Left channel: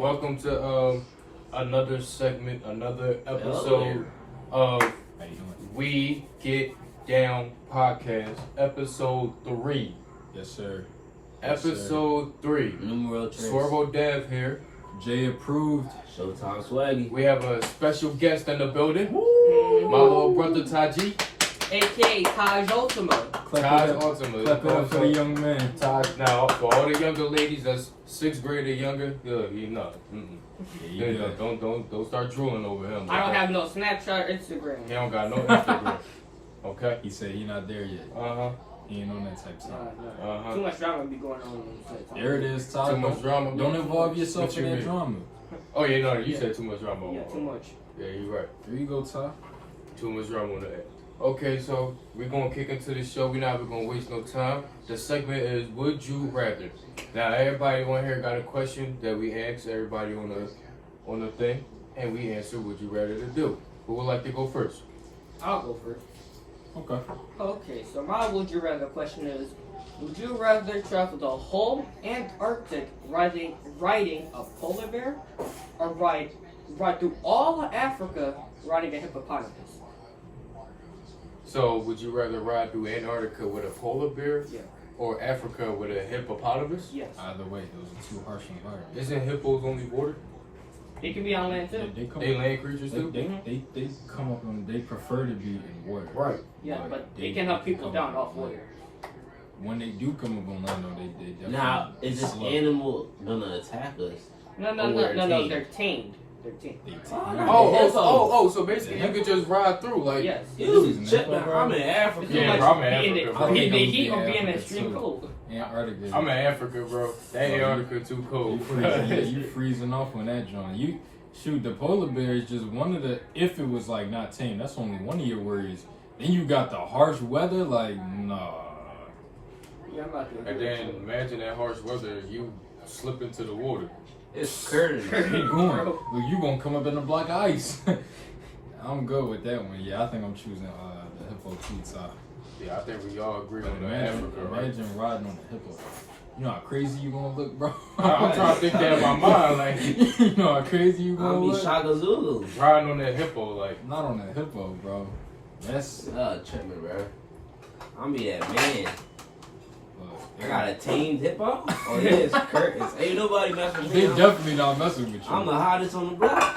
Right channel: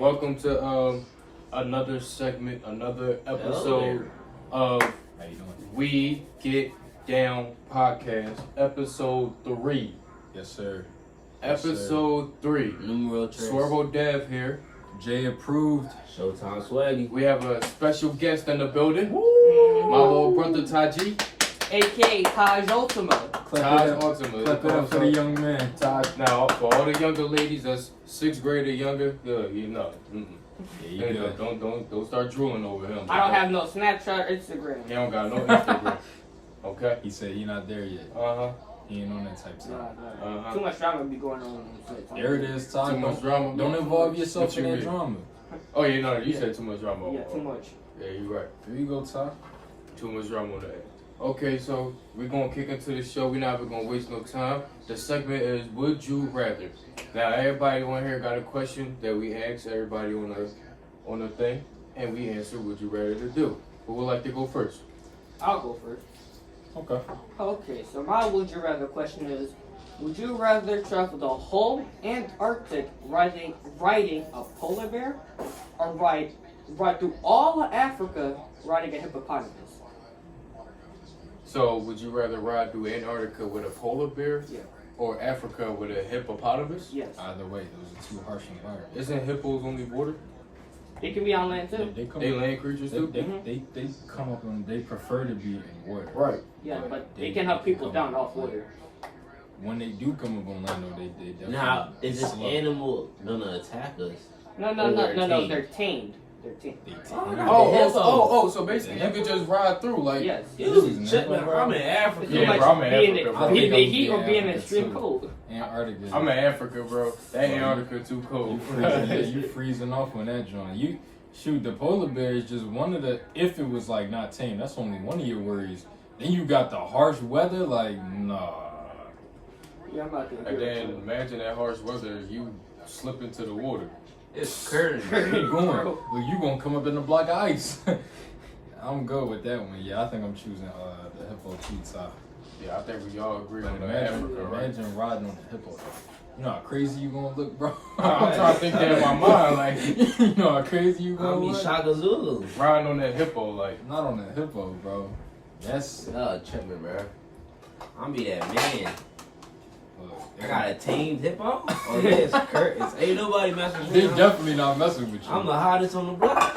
Welcome to another segment, another episode of We Get Down Podcast, episode 3. Yes, sir. Episode 3. Numero 3. Swervo Dev here. Jay approved. Showtime Swaggy. We have a special guest in the building. My little brother Taji. A.K.A. Taj Ultima. Taj Ultima. Clap it up for the young man. Taj. Now, for all the younger ladies that's 6th grade or younger, good, you know. Yeah, you good. Don't start drooling over him. I don't have no Snapchat or Instagram. He don't got no Instagram. Okay? He said he not there yet. Uh-huh. He ain't on that type of stuff. Uh-huh. Too much drama be going on. There it is, Todd. Too much drama. Don't involve yourself What in you that mean? drama. Oh, yeah, no, you said too much drama. Yeah, too much. Yeah, you're right. There you go, Todd. Too much drama on the end. Okay, so we're going to kick into the show. We're not going to waste no time. The segment is Would You Rather. Now, everybody on here got a question that we asked everybody on the thing, and we answer Would You Rather to do. Who would like to go first? I'll go first. Okay. Okay, so my would you rather question is, would you rather travel the whole Antarctic riding a polar bear, or ride through all of Africa riding a hippopotamus? So, would you rather ride through Antarctica with a polar bear Yeah. or Africa with a hippopotamus? Yes. Either way, those are two harsh environments. Isn't hippos only water? It can be on land too. They come They up, land creatures too? they come up and they prefer to be in water. Right. Yeah, but they can help people down off water. When they do come up on land, though, they definitely Now, is this slow. animal gonna attack us? No, Or they're tamed. tamed. They're tamed. They So basically you could just ride through, like... Yes. Dude, check me. I'm in Africa. It's too Yeah, much bro, I'm in being Africa, in bro. being in the I think heat I'm or being in Africa, extreme too. cold. Antarctica. I'm in Africa, bro. That Antarctica too cold. You freezing, yeah, you freezing off on that joint. Shoot, the polar bear is just one of the. If it was like not tame, that's only one of your worries. Then you got the harsh weather, like nah. Yeah, I'm not And then imagine that harsh weather, you slip into the water. It's curtain. Keep going. Look, you gonna come up in a block of ice. I'm good with that one. Yeah, I think I'm choosing the hippo too, top. Yeah, I think we all agree But on imagine, Africa, right? imagine riding on the hippo. You know how crazy you gonna look, bro. I'm trying to think that in my mind, like You know how crazy you I gonna mean, look. Shaka Zulu. riding on that hippo, like Not on the hippo, bro. That's Check me, bro. I'm be that man. look, I got a tamed hippo. Oh yes, curtains. Ain't nobody messing with They me. definitely not messing with you. I'm the hottest on the block.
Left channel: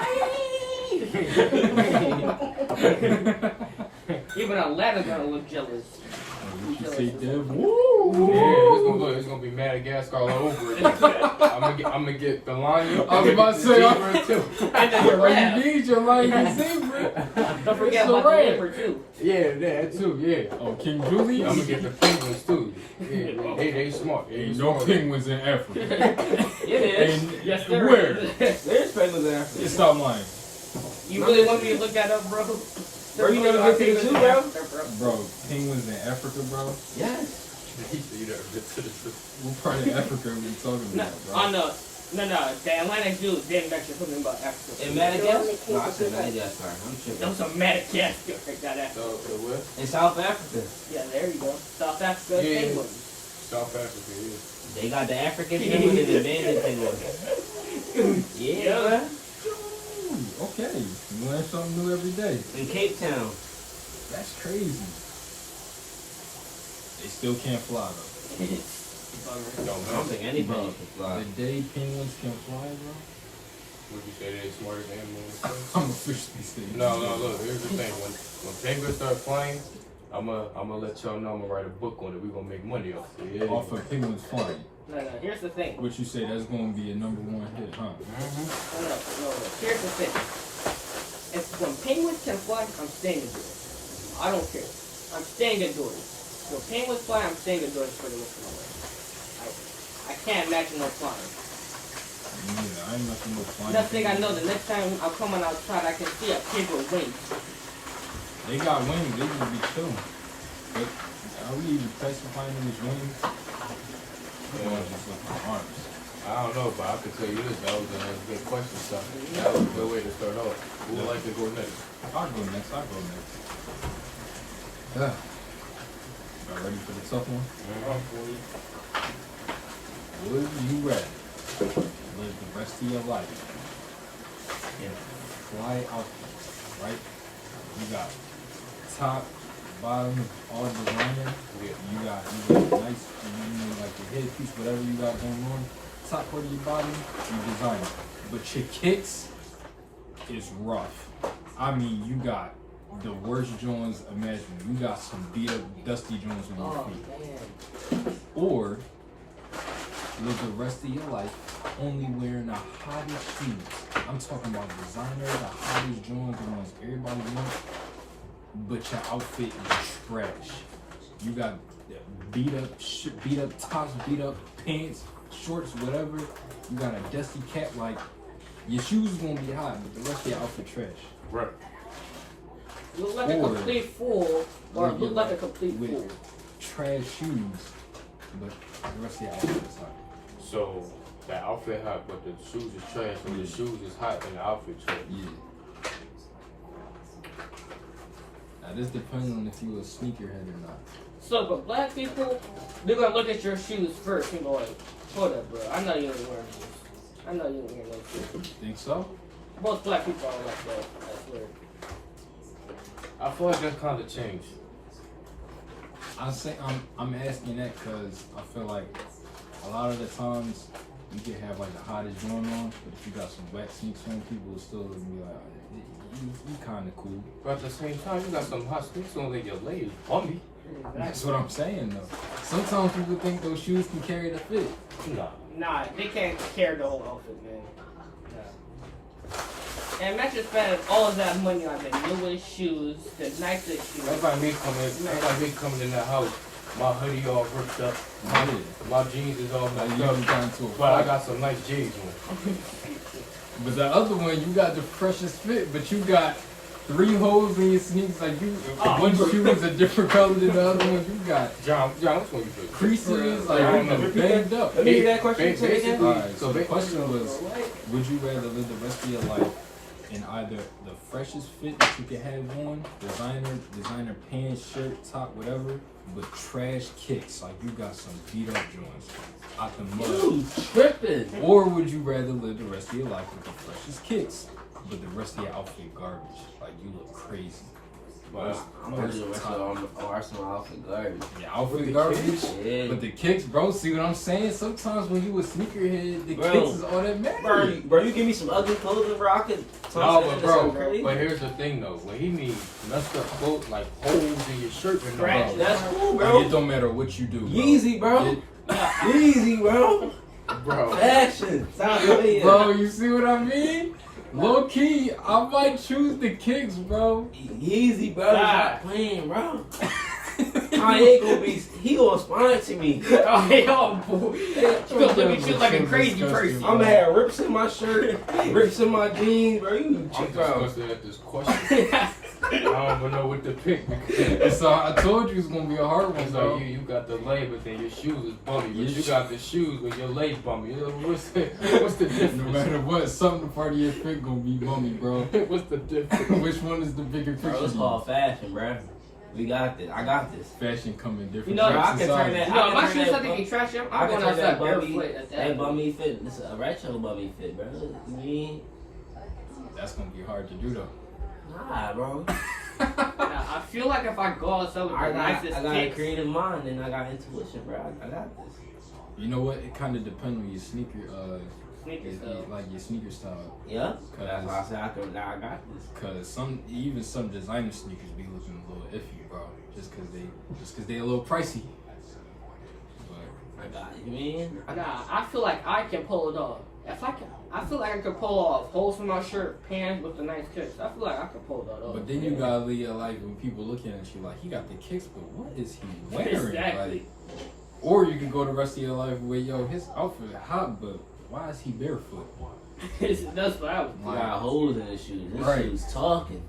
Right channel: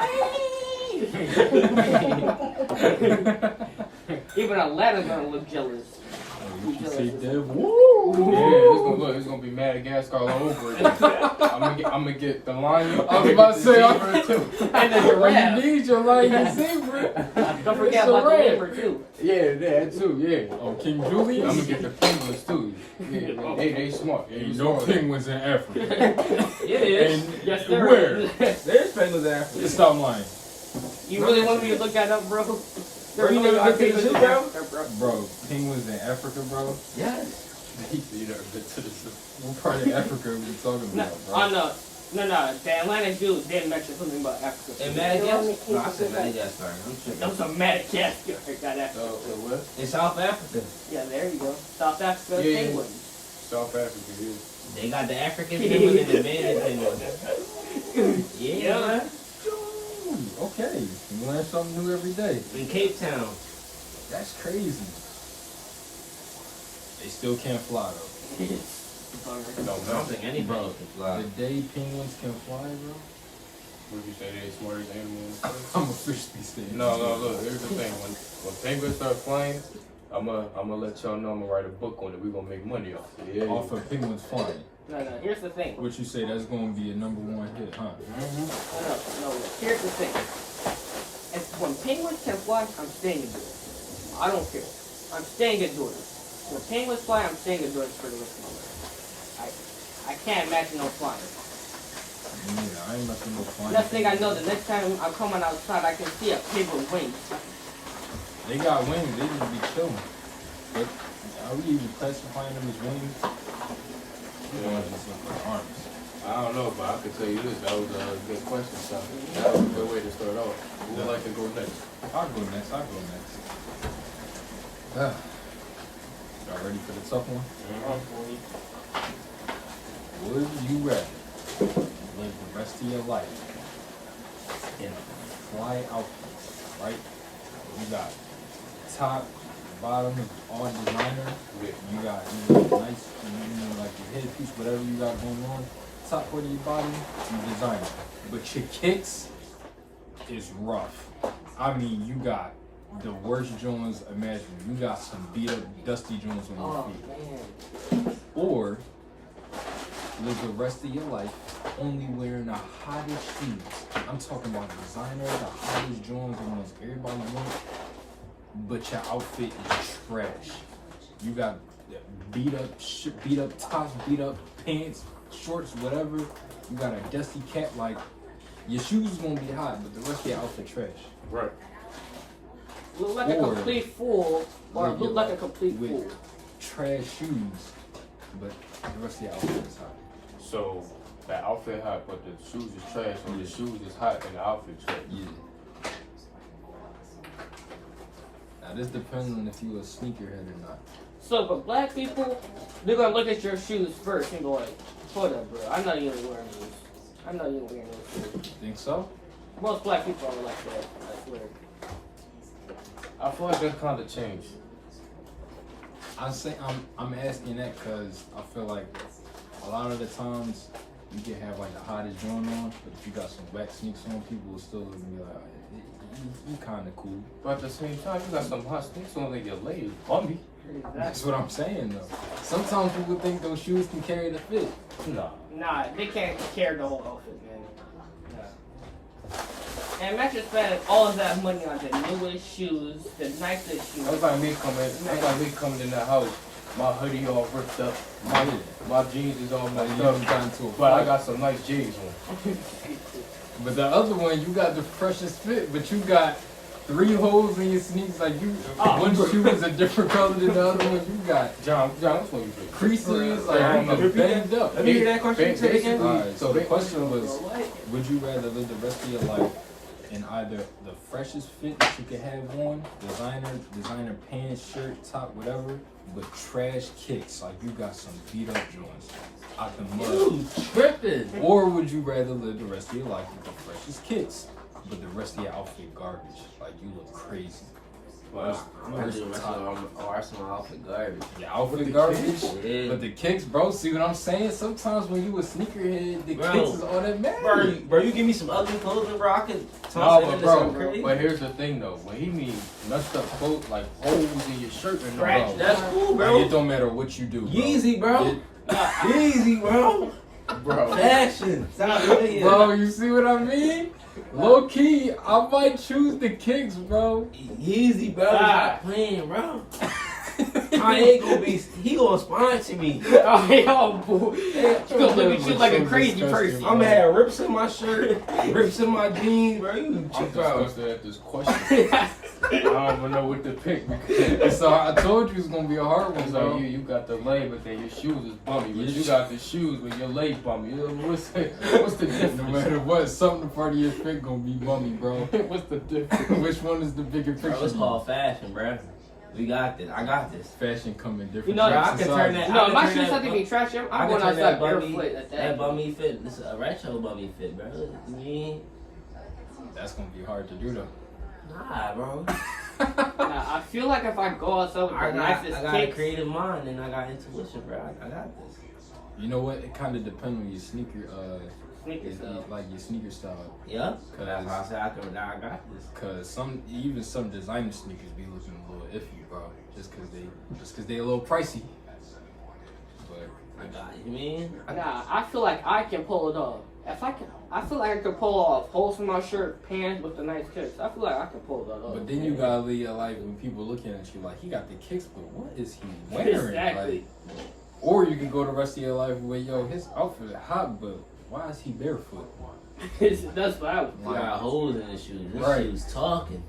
Even Atlanta gonna look jealous. What you say, Dev? yeah, it's gonna be Madagascar all over again. I'm gonna get the lion. I was about to say, too. And then your Well, laugh. you need your lion zebra. Don't forget So about the rare. neighbor too. Yeah, that too. Yeah. Oh, King Julius? I'm gonna get the penguins too. Yeah, they smart. They Ain't no smart. penguins in Africa. It is. And Yes, there where? is. There's penguins in Africa. Stop lying. You really want me to look that up, bro? Bro, you never been to the zoo, bro? Bro, penguins in Africa, bro? Yes. You never been to the zoo. What part of Africa are we talking No, about, bro? on the Atlantic Zoo didn't mention something about Africa. In Madagascar? No, I said Madagascar. I'm That tripping. was a Madagascar. That Africa. What? In South Africa. Yeah, there you go. South Africa Yeah. penguins. South Africa. Yeah. They got the African penguin and the banded penguin. Yeah, bro. Ooh, okay. You learn something new every day. In Cape Town. That's crazy. They still can't fly, though. I don't think any Bro, penguin can fly. the day penguins can fly, bro, Would you say they're the smartest animal in the world? I'm officially saying. No, look, here's the thing. When penguins start flying, I'm gonna let y'all know I'm gonna write a book on it. We're gonna make money off it. Yeah. Off of penguins flying. No, here's the thing. What you say, that's going to be a #1 hit, huh? No. Here's the thing. If when penguins can fly, I'm staying indoors. I don't care. I'm staying indoors. When penguins fly, I'm staying indoors for the rest of my life. I can't imagine no flying. Me neither. I ain't messing with no flying. Next thing I know, the next time I'm coming outside, I can see a penguin wing. They got wings, they just be chilling. But are we even classifying them as wings? Or just look like arms? I don't know, but I could tell you this. That was a good question, son. That was a good way to start off. Who would like to go next? I'll go next. Y'all ready for the tough one? Would you rather live the rest of your life in a fly outfit, right? You got top, bottom, all designer. You got nice, like your headpiece, whatever you got going on. Top part of your body, you designer. But your kicks is rough. I mean, you got the worst joints imaginable. You got some beat up, dusty joints on your feet. Or live the rest of your life only wearing the hottest shoes. I'm talking about designer, the hottest joints, the ones everybody wants, but your outfit is trash. You got beat up tops, beat up pants, shorts, whatever. You got a dusty cap. Like, your shoes is gonna be hot, but the rest of your outfit trash. Right. Look like a complete fool, or look like a complete with fool. trash shoes, but the rest of your outfit is hot. So the outfit hot, but the shoes is trash. Or the shoes is hot and the outfit trash. Yeah. Now this depends on if you a sneakerhead or not. So for black people, they're gonna look at your shoes first and go like, hold up, bro, I'm not even wearing those. I'm not even wearing those shoes. Think so? Most black people are like that. That's weird. I feel like that's kind of changed. I'm asking that because I feel like a lot of the times you can have like the hottest joint on, but if you got some wet sneaks on, people will still be like, you kind of cool. But at the same time, you got some hot sneaks on that your leg is bummy. That's what I'm saying though. Sometimes people think those shoes can carry the fit. Nah. Nah, they can't carry the whole outfit, man. Nah. And imagine spending all of that money on the newest shoes, the nicest shoes. That's like me coming in the house. My hoodie all ripped up. My jeans is all messed up. But I got some nice jeans on. But the other one, you got the freshest fit, but you got 3 holes in your sneakers. Like one shoe is a different color than the other one. You got John, which one you pick? creases, like you banged up. Let me hear that question again. Alright, so the question was, would you rather live the rest of your life in either the freshest fit that you can have on, designer pants, shirt, top, whatever, but trash kicks, like you got some beat up joints out the mud? You tripping. Or would you rather live the rest of your life with the freshest kicks, but the rest of your outfit garbage? Like you look crazy. I'm gonna do the rest of our Arsenal outfit garbage. Your outfit garbage, Yeah. but the kicks, bro. See what I'm saying? Sometimes when you a sneakerhead, the Bro. kicks is all that matters. Bro, you give me some ugly clothing, bro. I could No, but bro, But here's the thing though, when he means messed up clothes like holes in your shirt and all Right. that. That's cool, Like, bro. it don't matter what you do, bro. Yeezy, bro. Yeezy, bro. Bro. Action. Stop playing. Bro, you see what I mean? Low key, I might choose the kicks, bro. Yeezy, bro. Stop playing, bro. Kanye he gonna sponsor me. Oh, yo, boo. You gonna look at shit like a crazy person. I'm gonna have rips in my shirt, rips in my jeans, bro. You I'm check out. disgusted at this question. I don't even know what to pick because So I told you it's gonna be a hard one, it's bro. like you got the leg, but then your shoes is bummy. But you got the shoes with your leg bummy. What's the difference? No matter what, something part of your fit gonna be bummy, bro. What's the difference? Which one is the bigger picture? Bro, it's called fashion, bro. We got this. I got this. Fashion come in different You know, Bro, I shapes can and turn sizes. that. No, my I shoes can have turn to that. be trashy. I I'm can going turn that outside bummy, barefoot. that bummy fit. This is a retro bummy fit, bro. You mean? That's gonna be hard to do though. Nah, bro. I feel like if I go outside with I the got nicest a kicks, creative mind and I got intuition, bro. I got this. You know what? It kind of depends on your sneaker, sneakers though. like your sneaker style. Yep. That's why I said I got this. Cause some designer sneakers be looking a little iffy, bro. Just cause they a little pricey. But I got it. You mean? Nah, I feel like I can pull it off. I feel like I could pull off holes from my shirt, pants with the nice kicks. I feel like I could pull that off. But then you gotta live your life when people looking at you like he got the kicks, but what is he wearing? Exactly. Like, or you can go the rest of your life with his outfit hot, but why is he barefoot? That's what I would You got holes in the shoes. This Right. shoe's talking.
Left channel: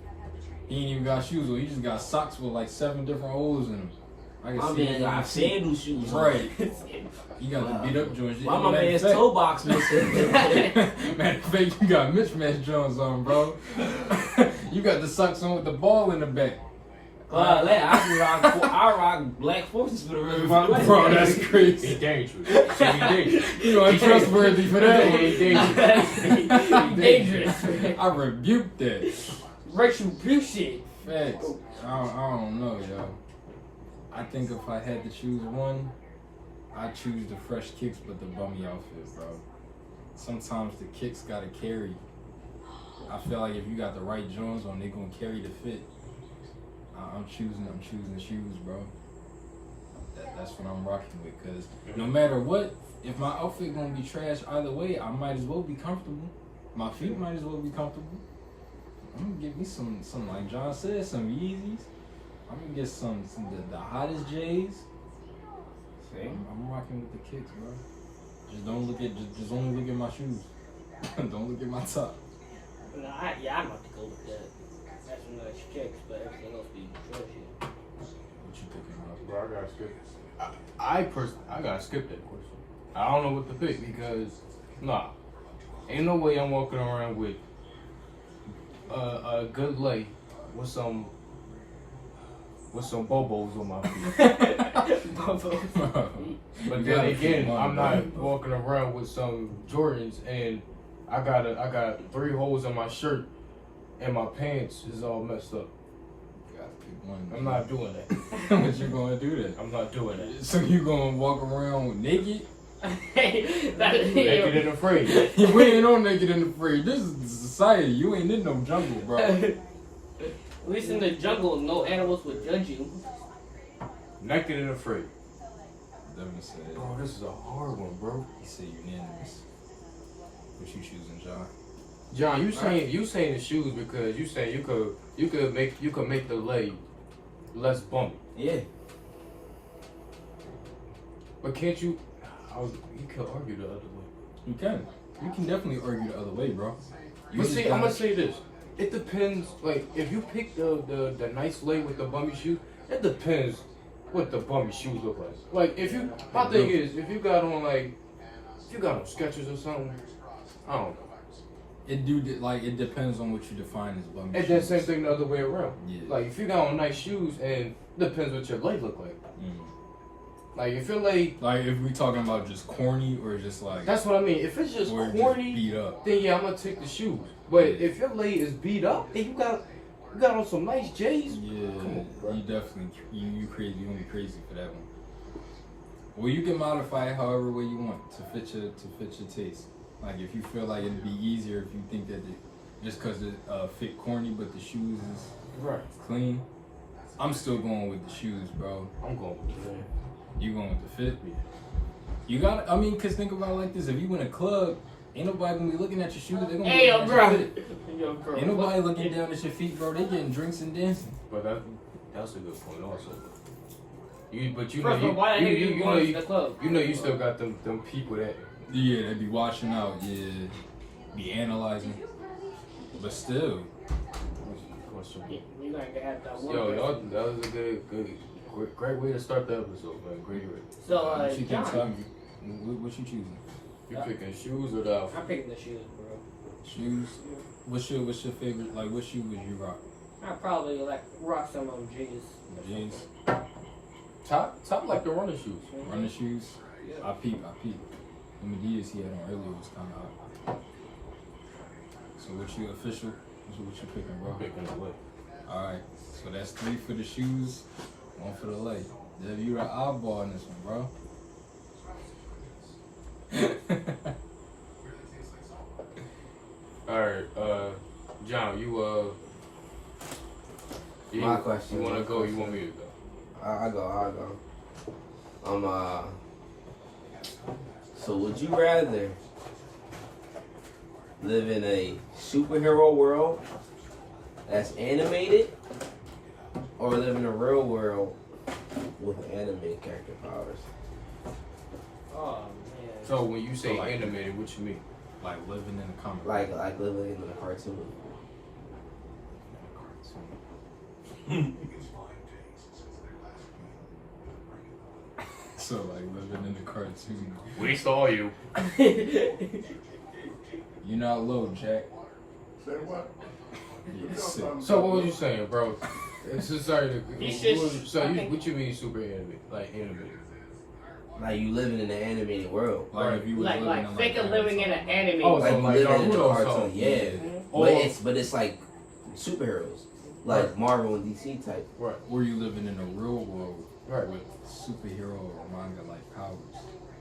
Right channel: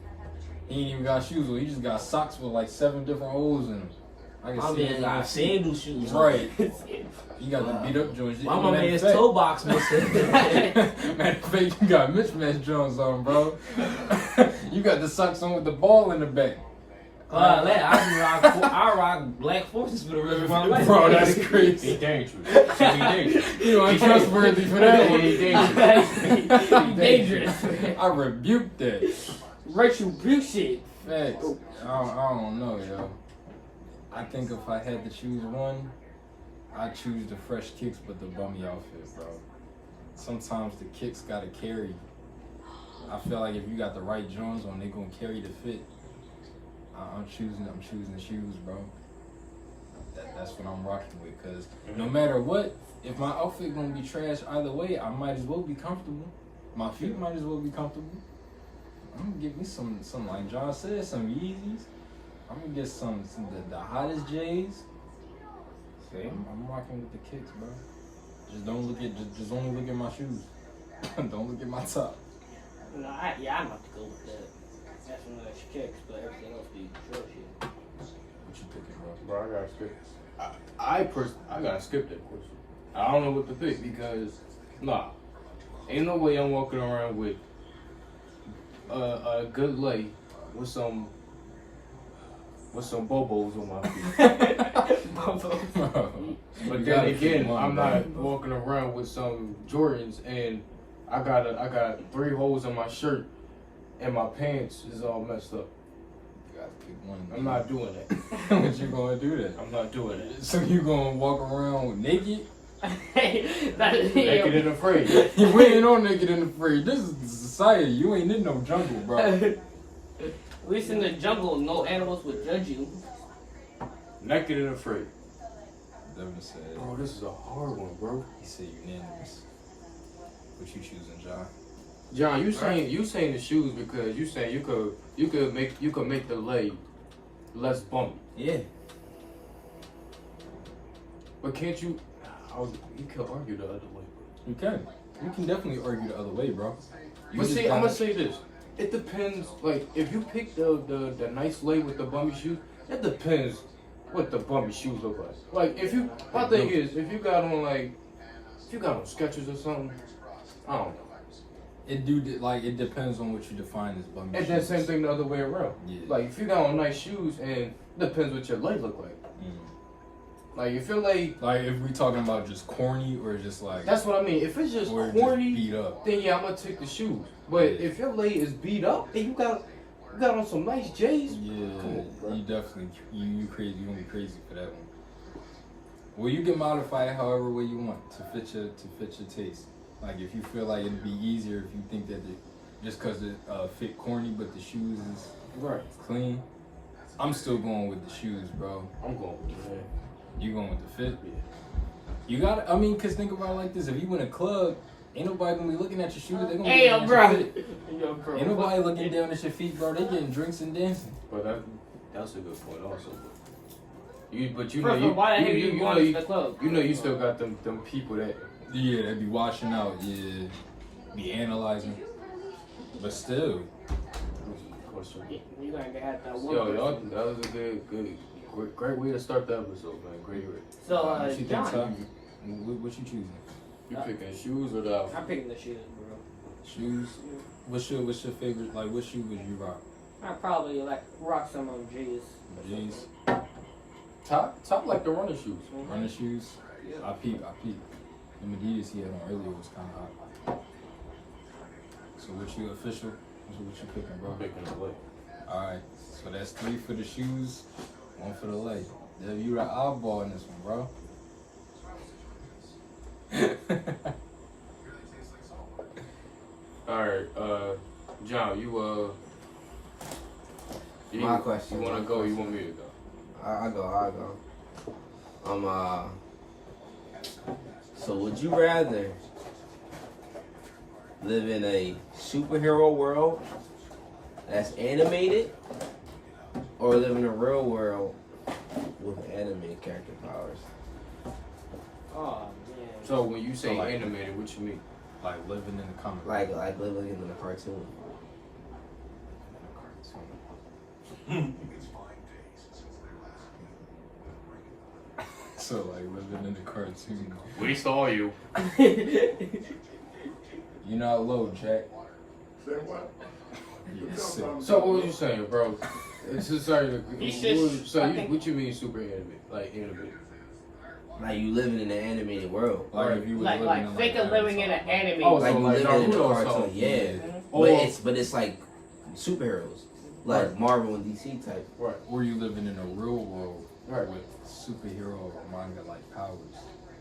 He ain't even got shoes on. He just got socks with like 7 different holes in them. I can My see man it. got sandal shoes. on. Right. He got the beat up joints. Why my Matter of man's fact- toe box missing? Man, fake, you got mismatched Jones on, bro. You got the socks on with the ball in the back. But I rock black forces for the rest of my life. Bro, that's He's crazy. dangerous. He dangerous. You untrustworthy for that one. He dangerous. Dangerous. I rebuke that. Retribution. Facts. I don't know, yo. I think if I had to choose one, I'd choose the fresh kicks but the bummy outfit, bro. Sometimes the kicks gotta carry. I feel like if you got the right Jones on, they gonna carry the fit. I'm choosing shoes, bro. That's what I'm rocking with. Cause no matter what, if my outfit gonna be trash either way, I might as well be comfortable. My feet might as well be comfortable. I'm gonna get me some like John said, some Yeezys. I'm gonna get some the hottest J's. I'm rocking with the kicks, bro. Just don't look at just only look at my shoes. Don't look at my top. No, I'm about to go with that. That's some nice kicks, but everything else be trashy. What you thinking, bro? Bro, I gotta skip. I gotta skip that question. I don't know what to pick because ain't no way I'm walking around with a good lay with some bobos on my feet. But You then gotta again, keep one, I'm bro. not walking around with some Jordans and I got 3 holes in my shirt and my pants is all messed up. You gotta pick one. I'm not doing that. What you gonna do then? I'm not doing that. So you gonna walk around naked? Naked and afraid. We ain't on naked and afraid. This is society. You ain't in no jungle, bro. At least in the jungle, no animals would judge you. Naked and afraid. Devin said. Bro, this is a hard one, bro. He said unanimous. What you choosing, John? John, you saying the shoes because you saying you could make the leg less bumpy. Yeah. But can't you? You can argue the other way. You can. You can definitely argue the other way, bro. You But just see, I'm gotta- gonna say this. It depends. Like if you pick the nice leg with the bummy shoe, it depends what the bummy shoes look like. Like if you, my thing is, if you got on Skechers or something, I don't know. It depends on what you define as bummy And shoes. then same thing the other way around. Yeah. Like if you got on nice shoes, and it depends what your leg look like. Mm. Like if your leg, Like if we talking about just corny or just like that's what I mean. If it's just or just corny, beat up. then yeah, I'm gonna take the shoes. But Yeah. if your leg is beat up and you got on some nice J's, Yeah, come on, bro. you definitely you crazy. You gonna be crazy for that one. Well, you can modify it however way you want to fit your taste. Like if you feel like it'd be easier if you think that just because it fit corny, but the shoes is Right. clean. I'm still going with the shoes, bro. I'm going with the You going with the fit? You got. I mean, cause think about it like this: if you in a club, ain't nobody gonna be looking at your shoes. They gonna be Hey, looking yo, at bro. your fit. Yo, bro. Ain't nobody looking down at your feet, bro. They getting drinks and dancing. But that's a good point also. You First of all, why that nigga even going to the club? You know you still got them people that Yeah, they be watching out. Yeah, be analyzing. But still, question. You gotta have that one. Yo, y'all, that was a great way to start the episode, man. Great way. So, what you think, John, Tuck? What you choosing? You picking shoes or the outfit? I'm picking the shoes, bro. Shoes. What's your favorite? Like, what shoe would you rock? I probably like rock some of G's. Jeans, Top like the running shoes. running shoes. I peep. The Medias he had on earlier was kind of hot. So what you official? What you picking, bro? I'm picking the leg. All right. So that's 3 for the shoes, 1 for the leg. Dev, you the oddball in this one, bro. All right, John, you My question. You wanna go? You want me to go? I go. So would you rather live in a superhero world that's animated, or live in a real world with anime character powers? Oh man. So when you say So, like- animated, what you mean? Like living in the comic. Like living in a cartoon. So like living in the cartoon. We saw you. You're not low, Jack. Say what? Yeah, sick. So what was you saying, bro? It's just sorry. He should- So I you, think- what you mean super animated? Like animated? Like you living in an animated world. Like if you was Like living in think of living in an anime. Oh, Like so you like living in a Naruto cartoon. song. Yeah. Mhm. But it's like superheroes. Like Marvel and DC type. Right. where you living in a real world Right. with superhero manga like powers.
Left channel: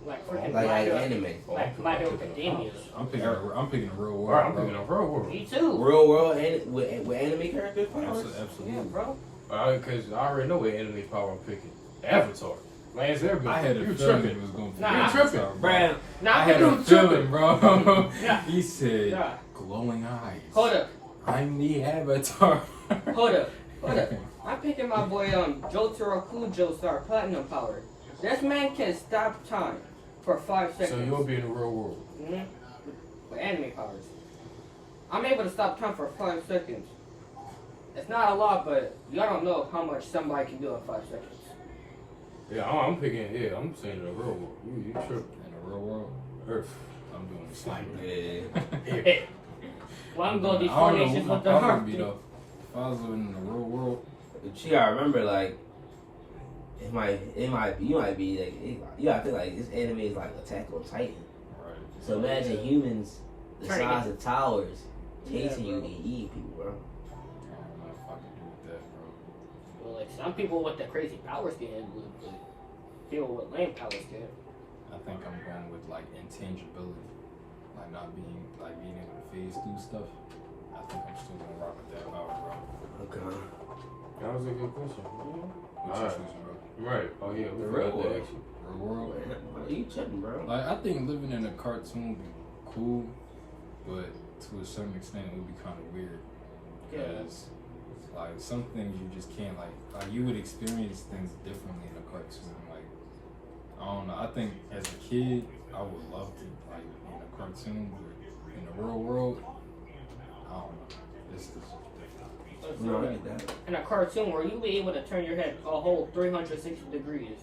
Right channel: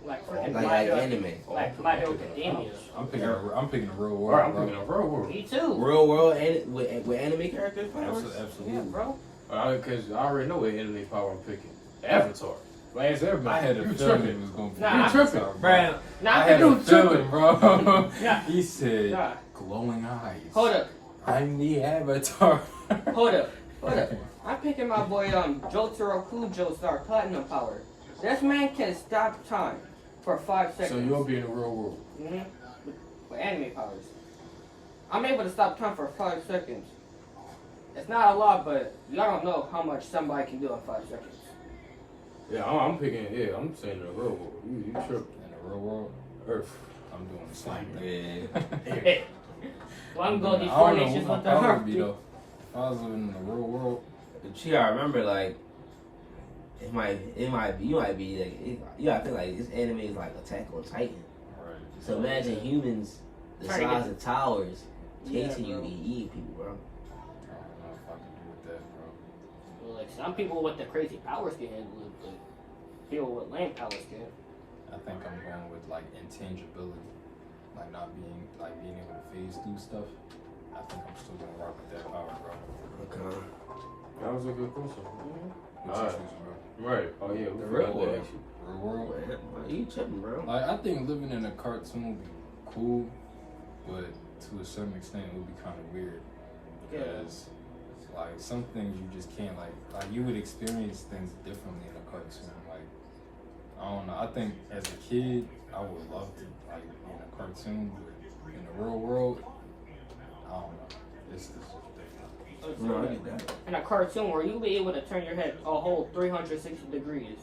Like Like freaking My Hero- anime. like My Hero Academia. I'm picking a real world. Right, I'm bro. thinking of real world. Me too. Real world and with anime characters powers. Absolutely. Yeah, Absolutely. bro. Because I already know what anime power I'm picking. Avatar. Lance Airbender. I had a You feeling tripping. it was gonna be. Nah, Avatar, tripping. Bruh. Nah, I had You a feeling, bro. Nah. He said, Nah. glowing eyes. Hold up. I'm the avatar. Hold up. Hold up. I'm picking my boy Jotaro Kujo Star Platinum Power. This man can stop time for 5 seconds. So you'll be in the real world. Mhm. With anime powers. I'm able to stop time for 5 seconds. It's not a lot, but y'all don't know how much somebody can do in 5 seconds. Yeah, I'm picking. Yeah, I'm saying the real world. You tripping? In the real world, Earth. I'm doing the same. Yeah. Hey. Well, I'm going to I these don't four know nations what with my the power heart. would be though. If I was living in the real world, But you gotta remember, like, it might be, you might be, like, you gotta think, like, this anime is like Attack on Titan. right? So imagine humans the Trying to size of towers chasing Yeah, you bro. and eating people, bro. I don't know if I can do with that, bro. Well, like some people with the crazy powers can live with people with lame powers can. I think I'm going with like intangibility, like not being able to phase through stuff. I think I'm still gonna rock with that power, bro. Okay. That was a good question. What you Alright. choosing, bro? Right. Oh yeah. We The forgot real to world. ask you. Real world. Why you tripping, bro? Like I think living in a cartoon would be cool, but to a certain extent it would be kind of weird because like some things you just can't like you would experience things differently in a cartoon. Like I don't know. I think as a kid I would love to like be in a cartoon, but in the real world, I don't know. It's different. No, I get that. In a cartoon where you be able to turn your head a whole 360 degrees.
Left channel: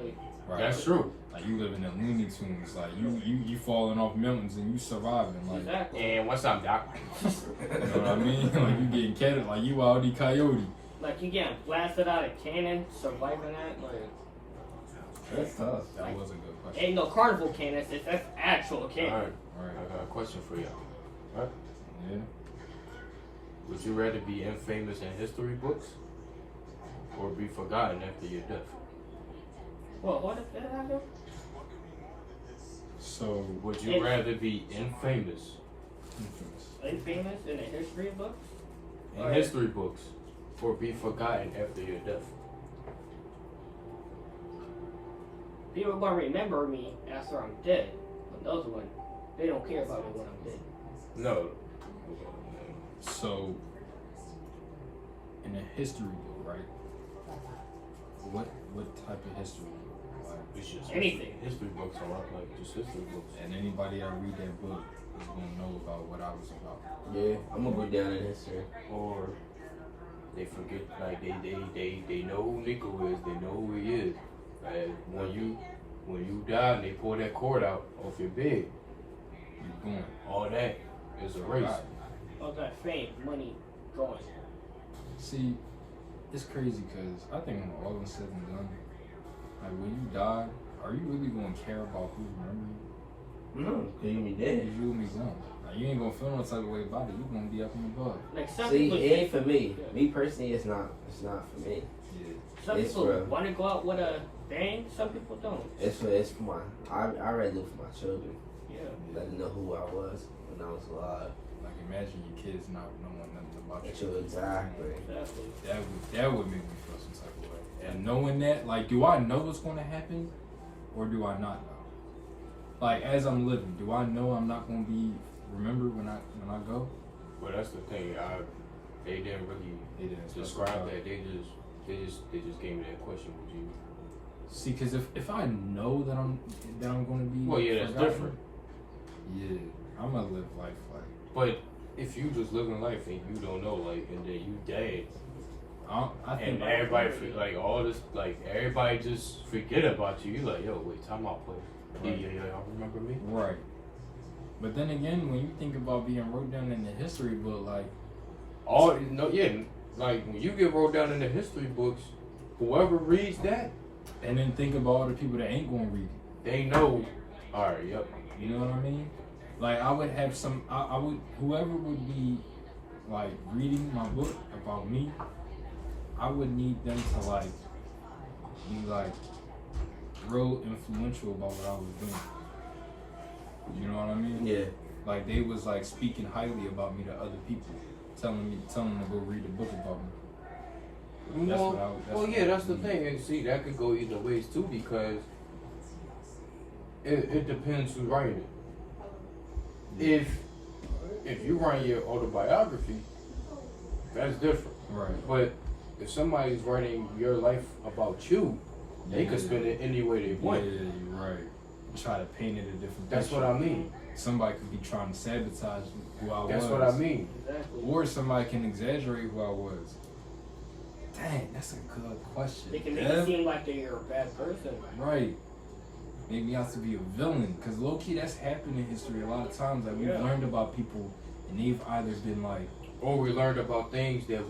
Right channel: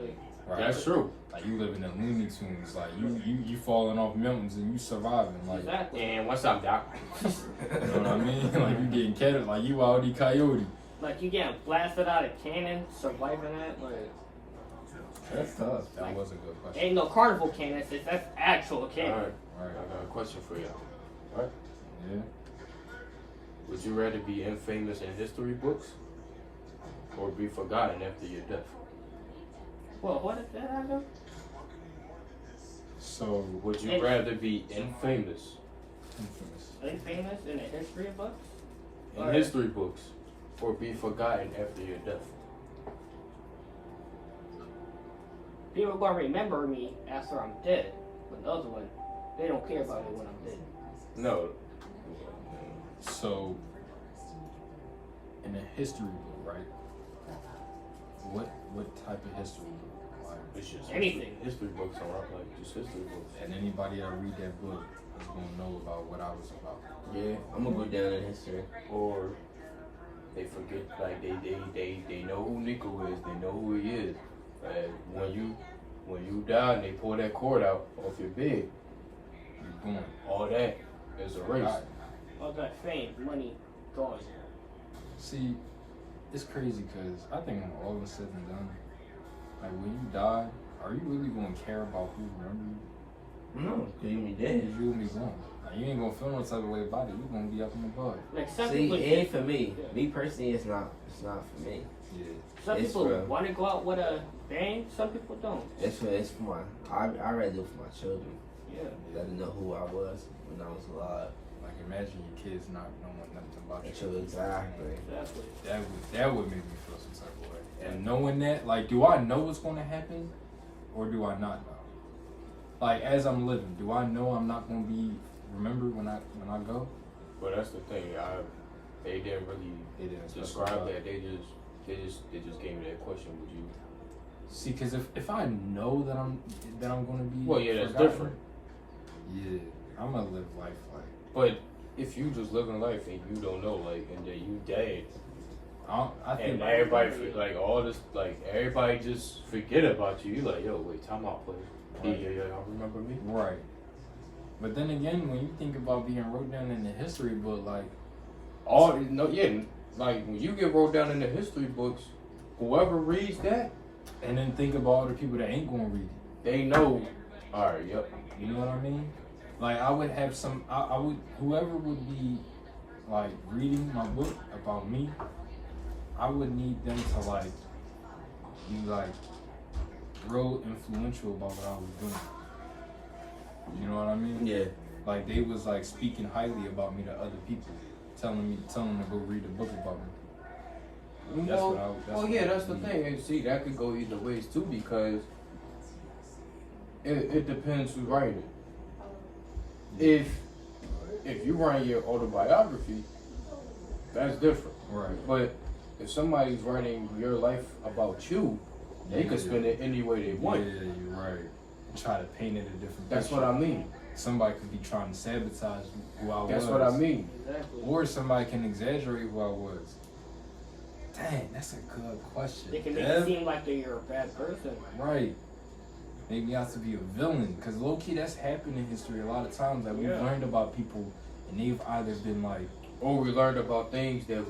Like, Right? That's true. Like you living in Looney Tunes, like you falling off mountains and you surviving, like exactly. And what's up, Doc? you know what I mean? Like you getting catted, like you Wile Coyote. Like you getting blasted out of cannon, surviving that. Like, That's tough. That was a good question. ain't no carnival cannons, that's actual All cannon. right. Right? I got a question for you. Yeah. Would you rather be infamous in history books or be forgotten after your death? Well, what is that, Adam? So Would you rather be infamous infamous. Infamous in the history books? in history books or be forgotten after your death? People gonna remember me after I'm dead. But those one, they don't care about me when I'm dead. No. So in a history book, right? What type of history book? Like, It's just Anything. History books are like just history books. and anybody that read that book is gonna know about what I was about. Yeah, I'm gonna go down in history. Or they forget, like they know who Nico is, they know who he is. And when you die and they pull that cord out off your bed, You're going. all that is erased. God. All that fame, money, gone. See, it's crazy because I think when all is said and done, like when you die, are you really gonna care about who remember you? No, cause you be Cause dead. you will be gone. Like, you ain't gonna feel no type of way about it. You're gonna be up in the bud. Like some See, people, it ain't for me. Me personally, it's not for me. Yeah. some it's people for- want to go out with a bang. Some people don't. It's for my. I rather do it for my children. Yeah. Let them know who I was when I was alive. Like imagine your kids not knowing nothing about you. True, exactly. Exactly. That would make me feel some type of way. And knowing that, like, do I know what's gonna happen, or do I not know? Like, as I'm living, do I know I'm not gonna be remembered when I go? But that's the thing. They didn't really They didn't describe specify. that. They just gave me that question. Would you? See, because if I know that I'm gonna be Well, yeah, that's forgotten, different. Yeah, I'm gonna live life like But if you just living life and you don't know, like, and then you dead, I think and everybody like all this, like everybody just forget about you. You like, yo, wait, time out, player. Right. Yeah, y'all remember me? right. But then again, when you think about being wrote down in the history book, like All no, yeah, like when you get wrote down in the history books, whoever reads that, And then think about all the people that ain't gonna read it. they know. All right, yep. You know what I mean? Like I would have some. I would whoever would be like reading my book about me. I would need them to like be like real influential about what I was doing. You know what I mean? Yeah. Like they was like speaking highly about me to other people, telling them to go read a book about me. That's what I would. Well, yeah, that's the thing. And see, that could go either ways too because it depends who's writing it. If you write your autobiography, that's different. Right. But if somebody's writing your life about you, they could spin it any way they want. Yeah, you're right. Try to paint it a different. That's picture. what I mean. Somebody could be trying to sabotage who I was. That's what I mean. Exactly. Or somebody can exaggerate who I was. Dang, that's a good question. They can make Dev. it seem like you're a bad person. Right. Maybe I have to be a villain. Because low key, that's happened in history a lot of times. Like, we've learned about people and they've either been like. Or we learned about things that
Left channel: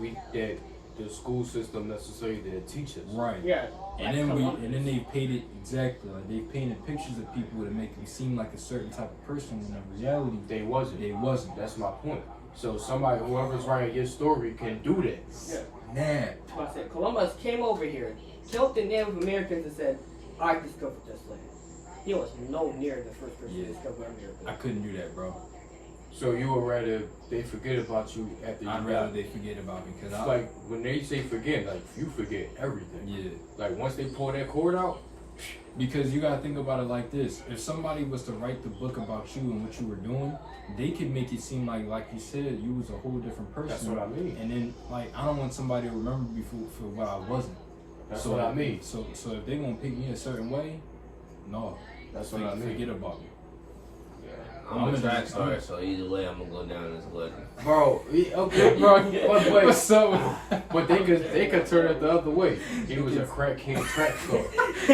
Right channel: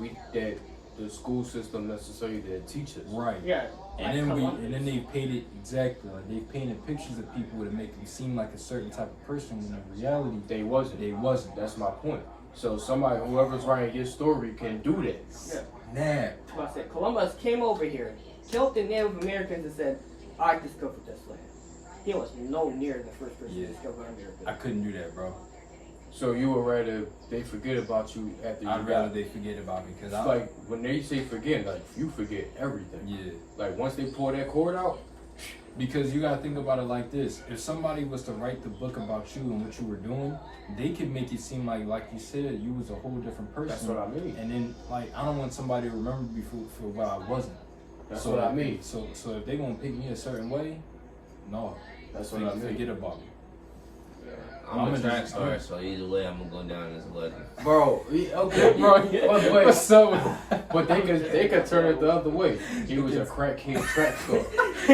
the school system necessarily didn't teach us. Right. Yeah. And then they've painted exactly. Like, they've painted pictures of people to make them seem like a certain type of person when in reality They wasn't. they wasn't. That's my point. So whoever's writing your story can do that. Yeah. Nah. I said Columbus came over here, killed the Native Americans, and said, "I discovered this land." He was no near the first person to discover America. I couldn't do that, bro. So you would rather they forget about you after you I'd rather die. they forget about me because It's like when they say forget, like you forget everything. yeah. Like once they pull that cord out, Because you gotta think about it like this: if somebody was to write the book about you and what you were doing, they could make it seem like you said, you was a whole different person. that's what I mean. And then, like, I don't want somebody to remember me for what I wasn't. That's so, what I mean. So if they gonna pick me a certain way, no, That's what I mean. forget about me. I'm a track star, so either way, I'm gonna go down as a legend. Bro, okay, Bro, but, what's up? but they could turn it the other way. He was a crack king track star.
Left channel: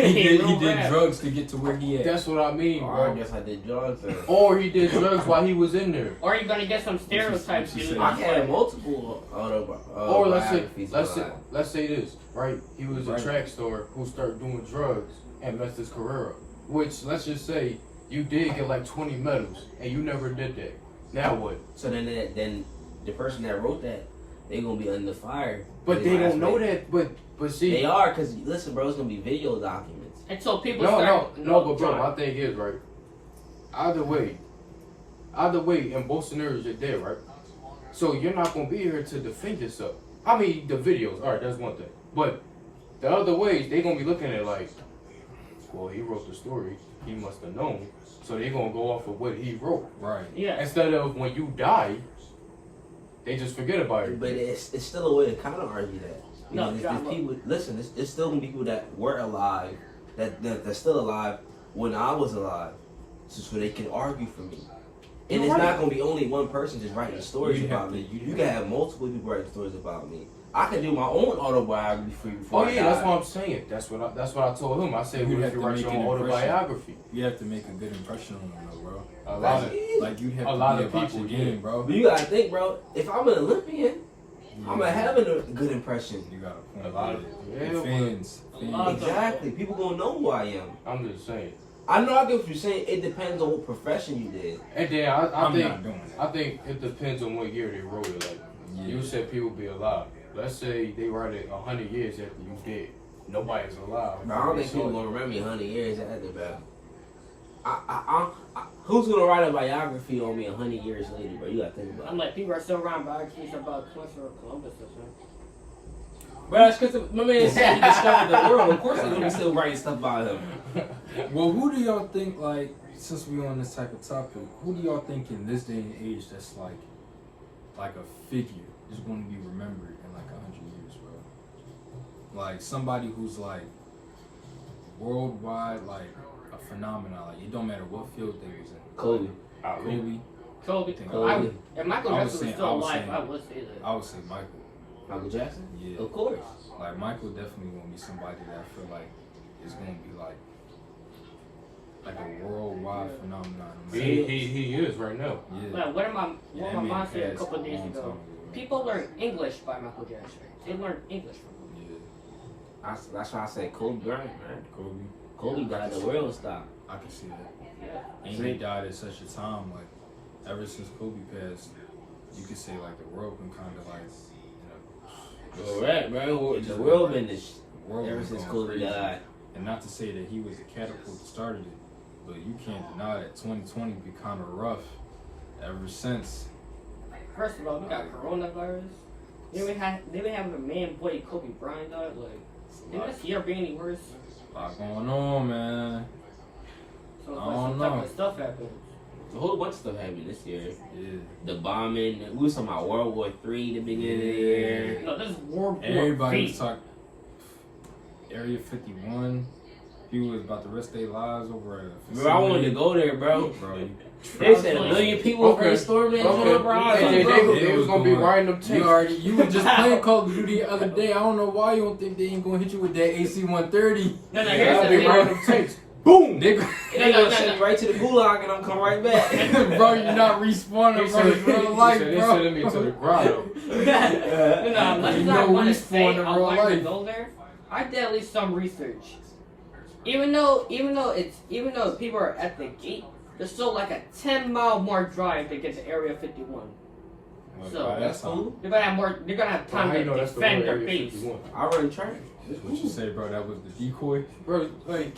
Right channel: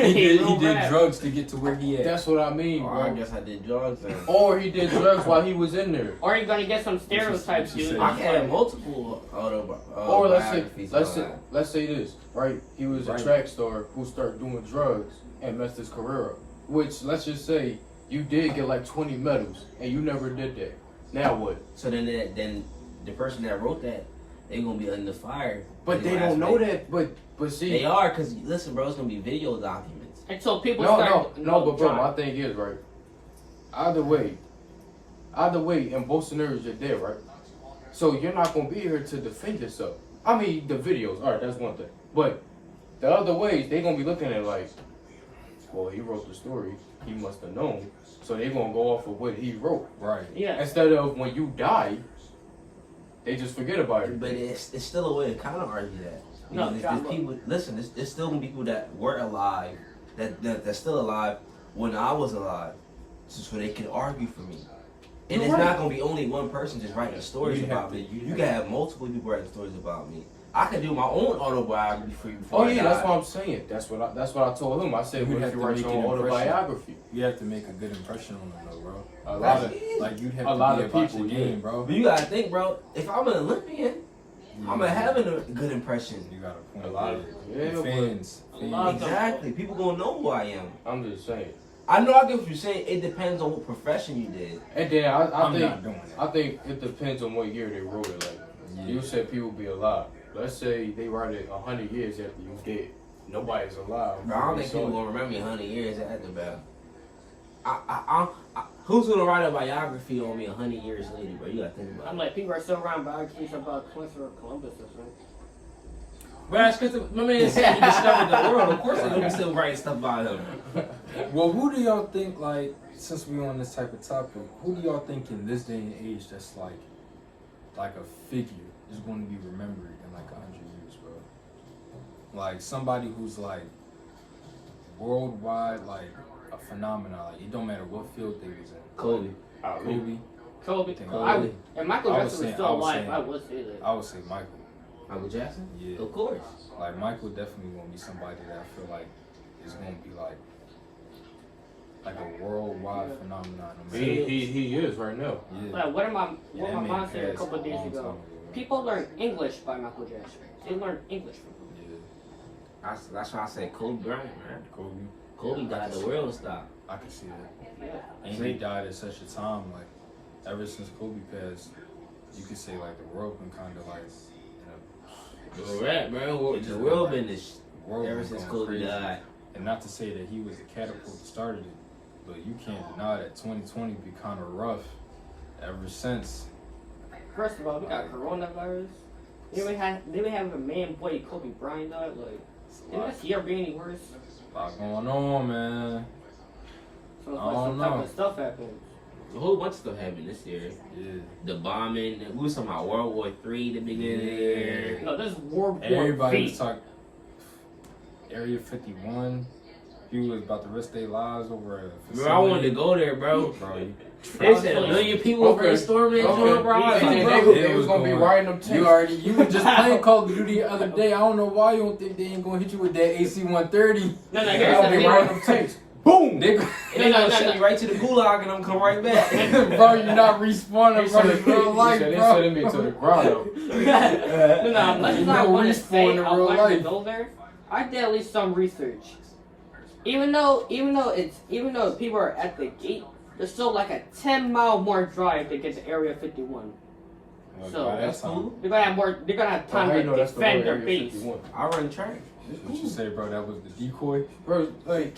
he did drugs to get to where he at. That's what I mean, Or I bro. guess I did drugs. And Or he did drugs while he was in there. Or you're gonna get some stereotypes. what you dude. said. I had multiple Or biographies. let's say this, right? He was Right. a track star who started doing drugs and messed his career up. Which let's just say you did get like 20 medals and you never did that. Now what? So then the person that wrote that, they gonna be under fire. But they don't know that. But see, They are, cause listen, bro, it's gonna be video documents. And so people no, start. but bro, my thing is right. Either way, in both scenarios you're dead, right? So you're not gonna be here to defend yourself. I mean, the videos, all right, that's one thing. But the other ways, they gonna be looking at it like, well, he wrote the story, he must have known. So they gonna go off of what he wrote. Right. Yeah. Instead of when you die, they just forget about it. But it's still a way to kind of argue that. No, Because John, there's people. Listen, there's still gonna be people that were alive, that's still alive when I was alive, so they can argue for me. And You're it's right. not gonna be only one person just writing stories You'd have about to- me. you'd You have can have multiple people writing stories about me. I can do my own autobiography for you before Oh I yeah, die. that's what I'm saying. That's what I told him. I said, You'd what have if you to write make your an own impression. autobiography? You have to make a good impression on them, though, bro. A lot of Like you'd have A to lot be of about people, your game, yeah. bro. But you gotta think, bro. If I'm an Olympian, I'm gonna have a good impression. You got a point. A lot of- yeah. yeah, The fans. Exactly. People gonna know who I am. I'm just saying. I know I get what you're saying. It depends on what profession you did. And then I I'm think not doing that. I think it depends on what year they wrote it. Like you said, people be alive. Let's say they write it 100 years after you dead. Nobody's alive. Bro, I don't think So- people gonna remember me 100 years after, bro. Who's gonna write a biography on me 100 years later, bro? You gotta think about it. I'm like, people are still around biographies about Christopher Columbus or something. Bro, that's because my man said he discovered the world. Of course, they're gonna be still writing stuff about him. Well, who do y'all think, like, since we're on this type of topic, who do y'all think in this day and age that's like a figure is going to be remembered in like 100 years, bro? Like somebody who's like worldwide, like a phenomenon. Like it don't matter what field they was in. Kobe. Kobe. Kobe. Kobe. If Michael I Jackson was was saying- still I was alive, saying- I would say that. I would say Michael. Michael Jackson? Yeah. Of course. Like Michael definitely gonna be somebody that I feel like is gonna be like like a worldwide phenomenon. He is right now. Yeah. Like, what my Yeah, mom said a passed couple of days long ago. time ago. People learn English by Michael Jackson. They learn English from him. Yeah. That's why I say Kobe Bryant, man. Kobe. Kobe got the world stop. I can see that. Yeah. And he died at such a time, like, ever since Kobe passed, you could say, like, the world been kind of, like, Correct, bro. It The just world been been this world ever been since going Kobe crazy. died. And not to say that he was the catapult that started it, but you can't deny that 2020 be kind of rough ever since. First of all, we got coronavirus. They been having a man boy Kobe Bryant died. Like, did this year be any worse? A lot going on, man. So it's I like don't some type know. of stuff happened. A whole bunch of stuff happened this year. Yeah. The bombing. We was talking about World War III the beginning of the year. No, this is World War Everybody V. was talking Area 51. People was about to risk their lives over a Bro, I wanted to go there, bro. Bro, They said a million people Okay. were gonna storm that joint, bro. I was They like, bro. was gonna be riding them tanks. you were just playing Call of Duty the other day. I don't know why you don't think they ain't gonna hit you with that AC-130. No, I'll here's the be thing. riding them tanks. Boom! Nigga, And they gonna send me right to the gulag and I'm come right back. bro, you're not respawning, bro. It's real life, They bro. sending me to the grotto. No, let's You not know want to respawn say in I real like to life. go there. I did at least some research. Even though people are at the gate, there's still like a 10-mile more drive to get to Area 51. Well, So, by that That's time, cool. They're gonna have time How you to know that's the defend real their Area base. 51? I run track. what you say, bro? That was the decoy. Bro, like,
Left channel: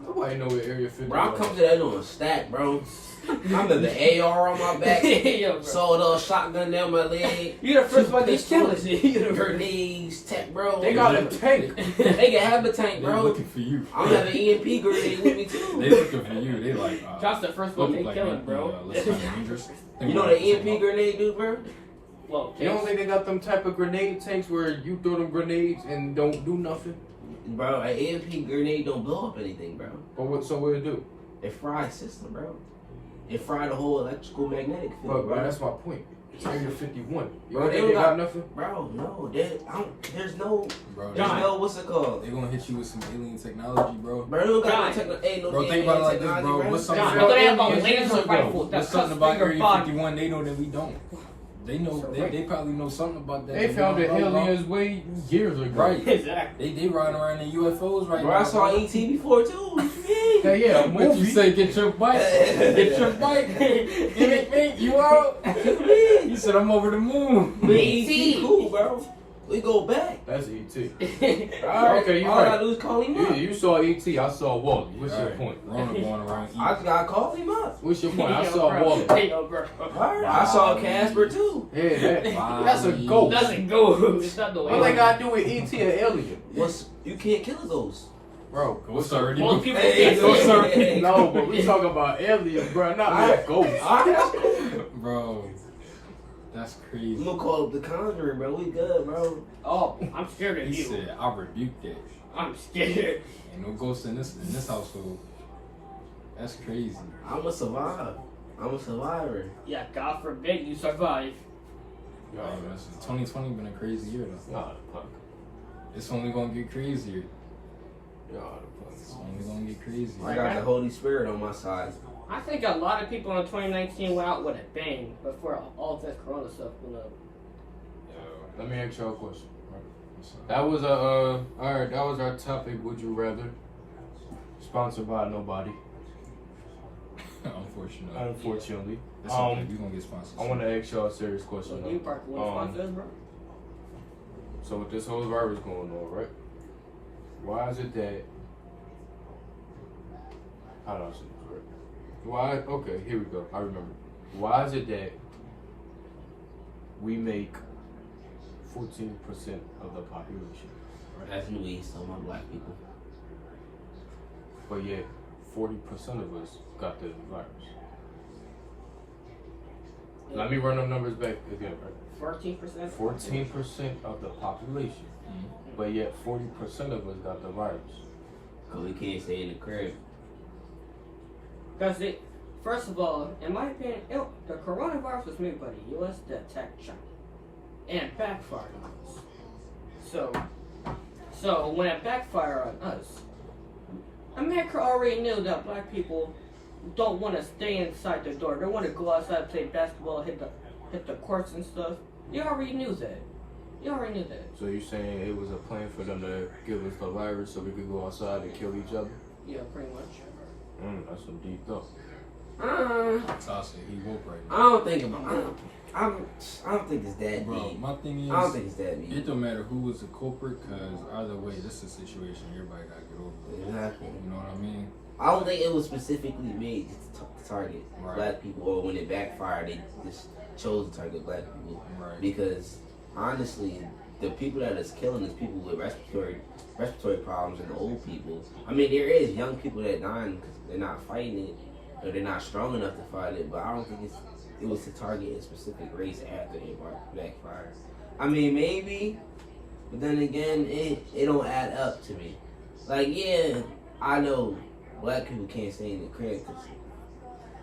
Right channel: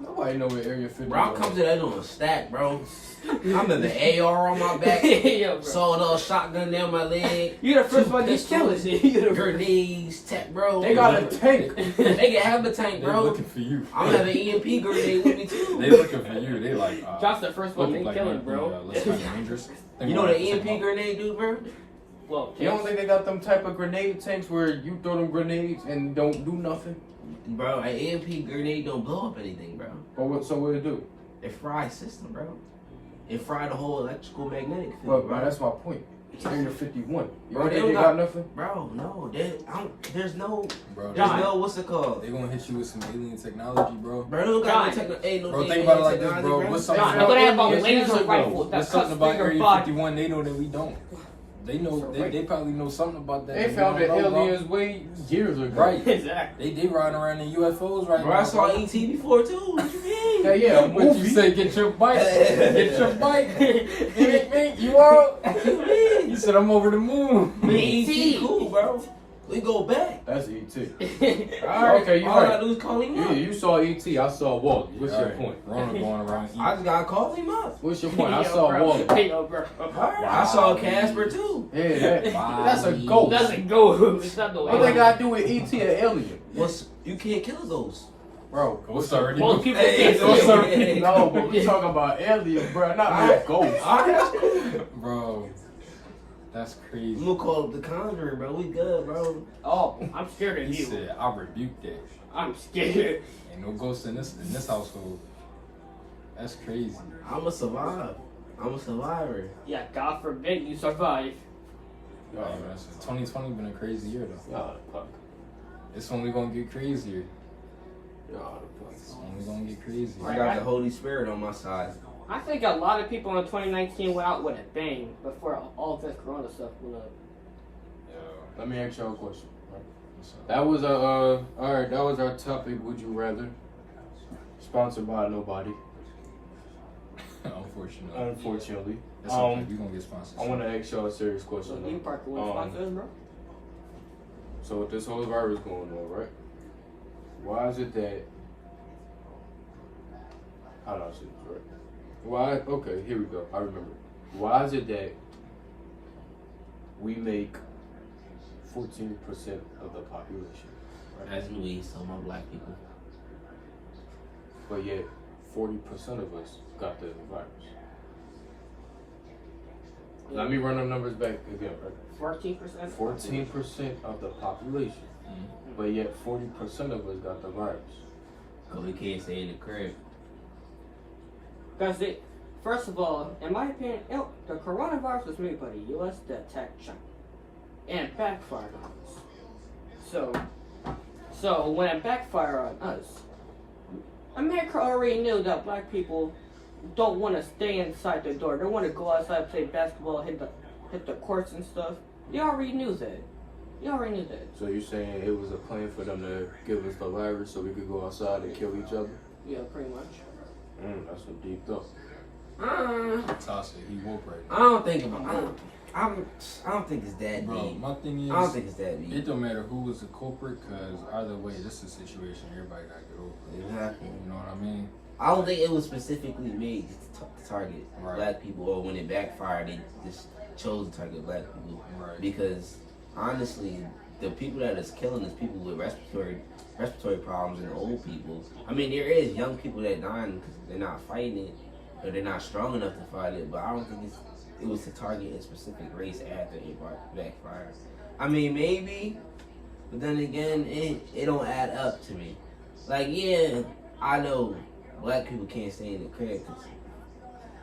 nobody know where Area 51 Bro, I'm coming to that on a stack, bro. I'm in the AR on my back. Yo, bro. Sold a shotgun down my leg. You're the first one to kill us. Grenades, tech, bro. They got a tank. They can have a tank, They bro. looking for you. I'm gonna have an EMP grenade with me too. They looking for you. They like. John's the first one look to like kill him, might be, bro. looks kind of dangerous. You know what an EMP grenade do, bro? Well, You don't think they got them type of grenade tanks where you throw them grenades and don't do nothing? Bro, an EMP grenade don't blow up anything, bro. Or what? So what it do? It fries system, bro. It fried the whole electrical magnetic field, But bro. that's my point. Area 51. You Bro, don't they think they don't got got- nothing? Bro, no, there's no, Bro, there's John. no, what's it called? they gonna hit you with some alien technology, bro. Bro, they don't got no John. techno, ain't no Bro, think about it like this, technology, bro. What's John, something they're gonna have about a laser rifle that There's something cuts about through your Area body. 51 they know that we don't. They know they probably know something about that. They we found the don't know about. aliens way years ago. Right. Exactly. They riding around in UFOs right Bro, now. I saw bro. ET before too. What you mean? Yeah, yeah. What you movie. say? Get your bike. Get your bike. Me, you out? You said I'm over the moon. But ET cool, bro. We go back. That's E.T. Alright, Okay, you all I right. gotta do is call him up. You saw E.T. I saw Wally. What's your Alright, point? Rona going around I eating. just gotta call him up. What's your point? I Yo, saw bro. Wally. Yo, bro. Alright, I saw Casper too. Yeah, that's a Wow. ghost. Doesn't go. It's not the What they gotta do with E.T. and alien? What's you can't kill those. Bro, Ghost already. Most people Hey, think Ghost so. already. No, but we talking about alien, bro, not Alright. ghosts. Alright, that's cool. Bro, that's I'm crazy. gonna call up the Conjuring, bro. We good, bro. Oh, I'm scared of He you. said, "I rebuke that. I'm scared. Ain't no ghosts in this household." That's crazy. I'ma survive. I'm a survivor. Yeah, God forbid you survive. Hey, man, 2020 been a crazy year though. Y'all the fuck. It's only gonna get crazier. Y'all the fuck. It's only gonna get crazier. I got the Holy Spirit on my side. I think a lot of people in 2019 went out with a bang before all this Corona stuff went up. Let me ask y'all a question. What's up? That was alright, that was our topic, would you rather? Sponsored by nobody, Unfortunately. unfortunately. It's okay. We gonna get sponsored. I wanna ask y'all a serious question So you though. part one sponsor, bro? So with this whole virus going on, right? Why is it that how do I say this right? Why okay, here we go. I remember. Why is it that we make 14% of the population, right? That's me, so my black people. But yet 40% of us got the virus. Let me run the numbers back again, right? 14%. 14% of the population, Mhm. but yet 40% of us got the virus. Cause we can't stay in the crib. Because first of all, in my opinion, the coronavirus was made by the U.S. to attack China, and it backfired on us. So when it backfired on us, America already knew that black people don't want to stay inside the door. They want to go outside, play basketball, hit the courts and stuff. They already knew that. They already knew that. So you're saying it was a plan for them to give us the virus so we could go outside and kill each other? Yeah, pretty much. That's some deep thought. Tasha, he woke right now. I don't think I don't think it's that Bro, deep. my thing is, I don't think it's that it deep. don't matter who was the culprit, because either way, this is a situation everybody gotta get over. Exactly. You know what I mean? I don't think it was specifically made to target Right. black people, or when it backfired, they just chose to target black people. Right. Because honestly, the people that is killing is people with respiratory problems and old people. I mean, there is young people that dying because they're not fighting it, or they're not strong enough to fight it. But I don't think it was to target a specific race after it backfired. I mean, maybe, but then again, it don't add up to me. Like, yeah, I know black people can't stay in the crib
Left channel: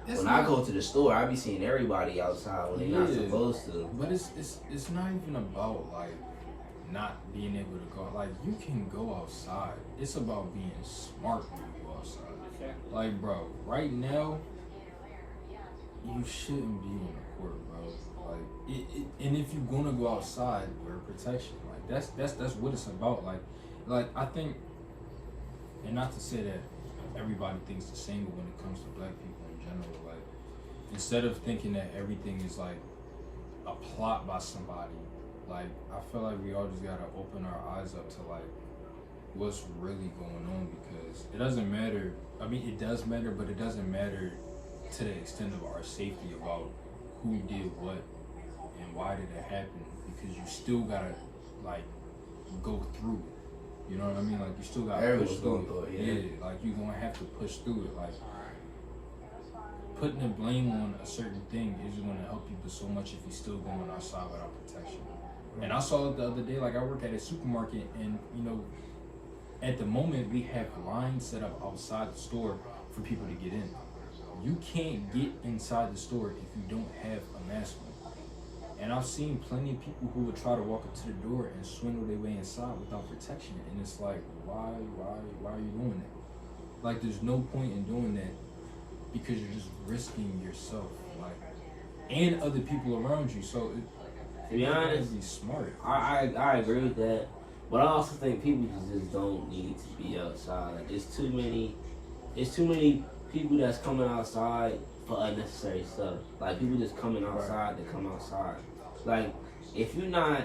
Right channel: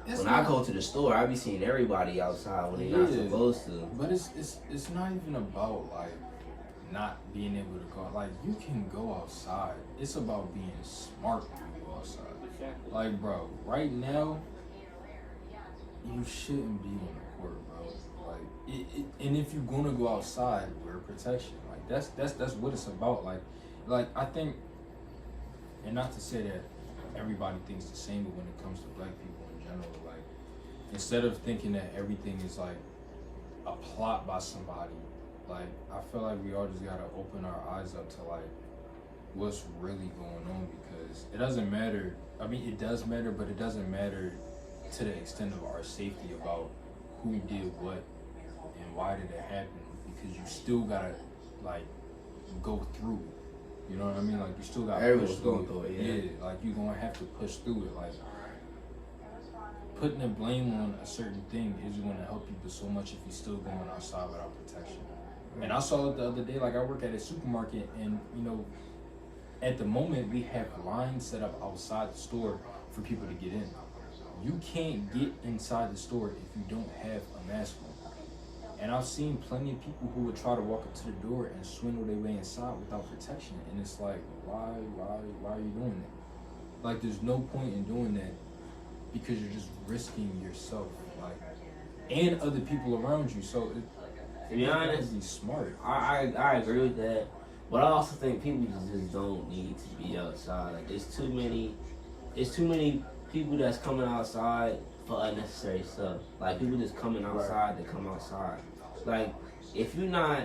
because when I go to the store, I be seeing everybody outside when they're not supposed to. But it's not even about like not being able to go. Like, you can go outside. It's about being smart when you go outside. Like, bro, right now, you shouldn't be on the court, bro. Like, and if you're gonna go outside, wear protection. Like, that's what it's about. Like I think, and not to say that everybody thinks the same, but when it comes to black people in general, like, instead of thinking that everything is like a plot by somebody, like, I feel like we all just gotta open our eyes up to like what's really going on, because it doesn't matter. I mean, it does matter, but it doesn't matter to the extent of our safety about who did what and why did it happen, because you still gotta like go through it. You know what I mean? Like, you still gotta Everyone's push going through through it. it, Yeah, like, you're gonna have to push through it. Like, putting the blame on a certain thing is gonna help you but so much if you're still going outside without protection. And I saw it the other day. Like, I work at a supermarket, and you know, at the moment we have lines set up outside the store for people to get in. You can't get inside the store if you don't have a mask on. And I've seen plenty of people who would try to walk up to the door and swindle their way inside without protection. And it's like, why are you doing that? Like, there's no point in doing that, because you're just risking yourself, like, and other people around you. So To be honest, be smart. I agree with that, but I also think people just don't need to be outside. Like, it's too many people that's coming outside for unnecessary stuff. Like, people just coming outside to come outside. Like, if you're not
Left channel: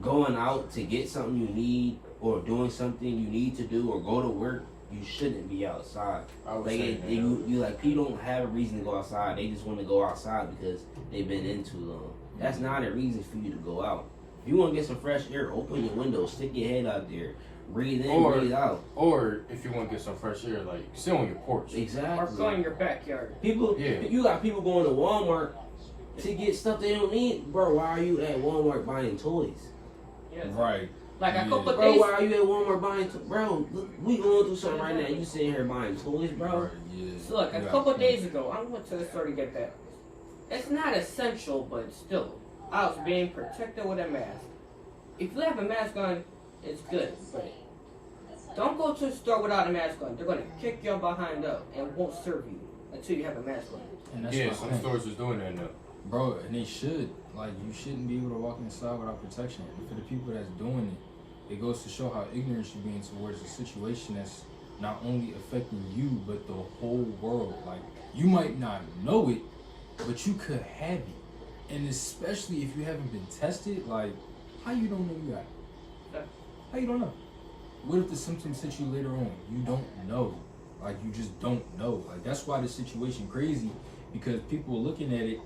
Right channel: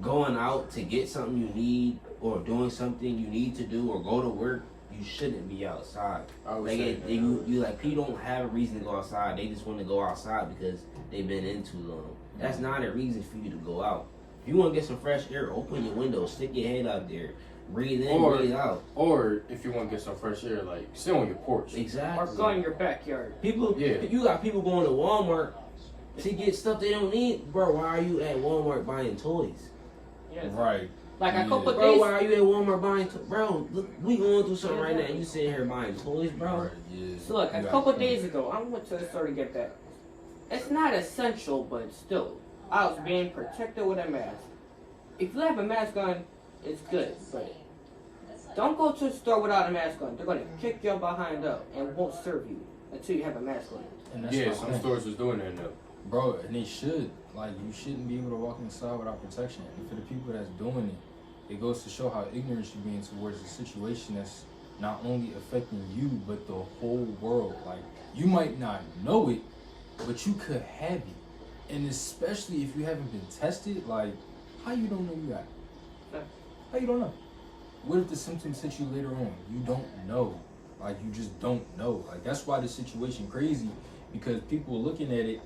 going out to get something you need, or doing something you need to do, or go to work, you shouldn't be outside. Like, you like, people don't have a reason to go outside. They just want to go outside because they've been in too long. That's not a reason for you to go out. If you want to get some fresh air, open your window, stick your head out there, breathe in, breathe out. Or if you want to get some fresh air, like, sit on your porch. Exactly. Or go in your backyard. People, Yeah. You got people going to Walmart to get stuff they don't need. Bro, why are you at Walmart buying toys? Yes. Right. Like a couple Bro, days. why are you at Walmart buying toys? Bro, look, we going through something right now. You sitting here buying toys, bro? Right, yeah. So look, a couple days ago, I went to the store to get that. It's not essential, but still, I was being protected with a mask. If you have a mask on, it's good, but don't go to the store without a mask on. They're gonna kick your behind up and won't serve you until you have a mask on. And that's Yeah, what some I think. stores is doing that now. Bro, and they should. Like, you shouldn't be able to walk inside without protection. And for the people that's doing it, it goes to show how ignorant you're being towards a situation that's not only affecting you, but the whole world. Like, you might not know it, but you could have it. And especially if you haven't been tested, like, how you don't know you got it? How you don't know? What if the symptoms hit you later on? You don't know. Like, you just don't know. Like, that's why the situation crazy, because people are looking at it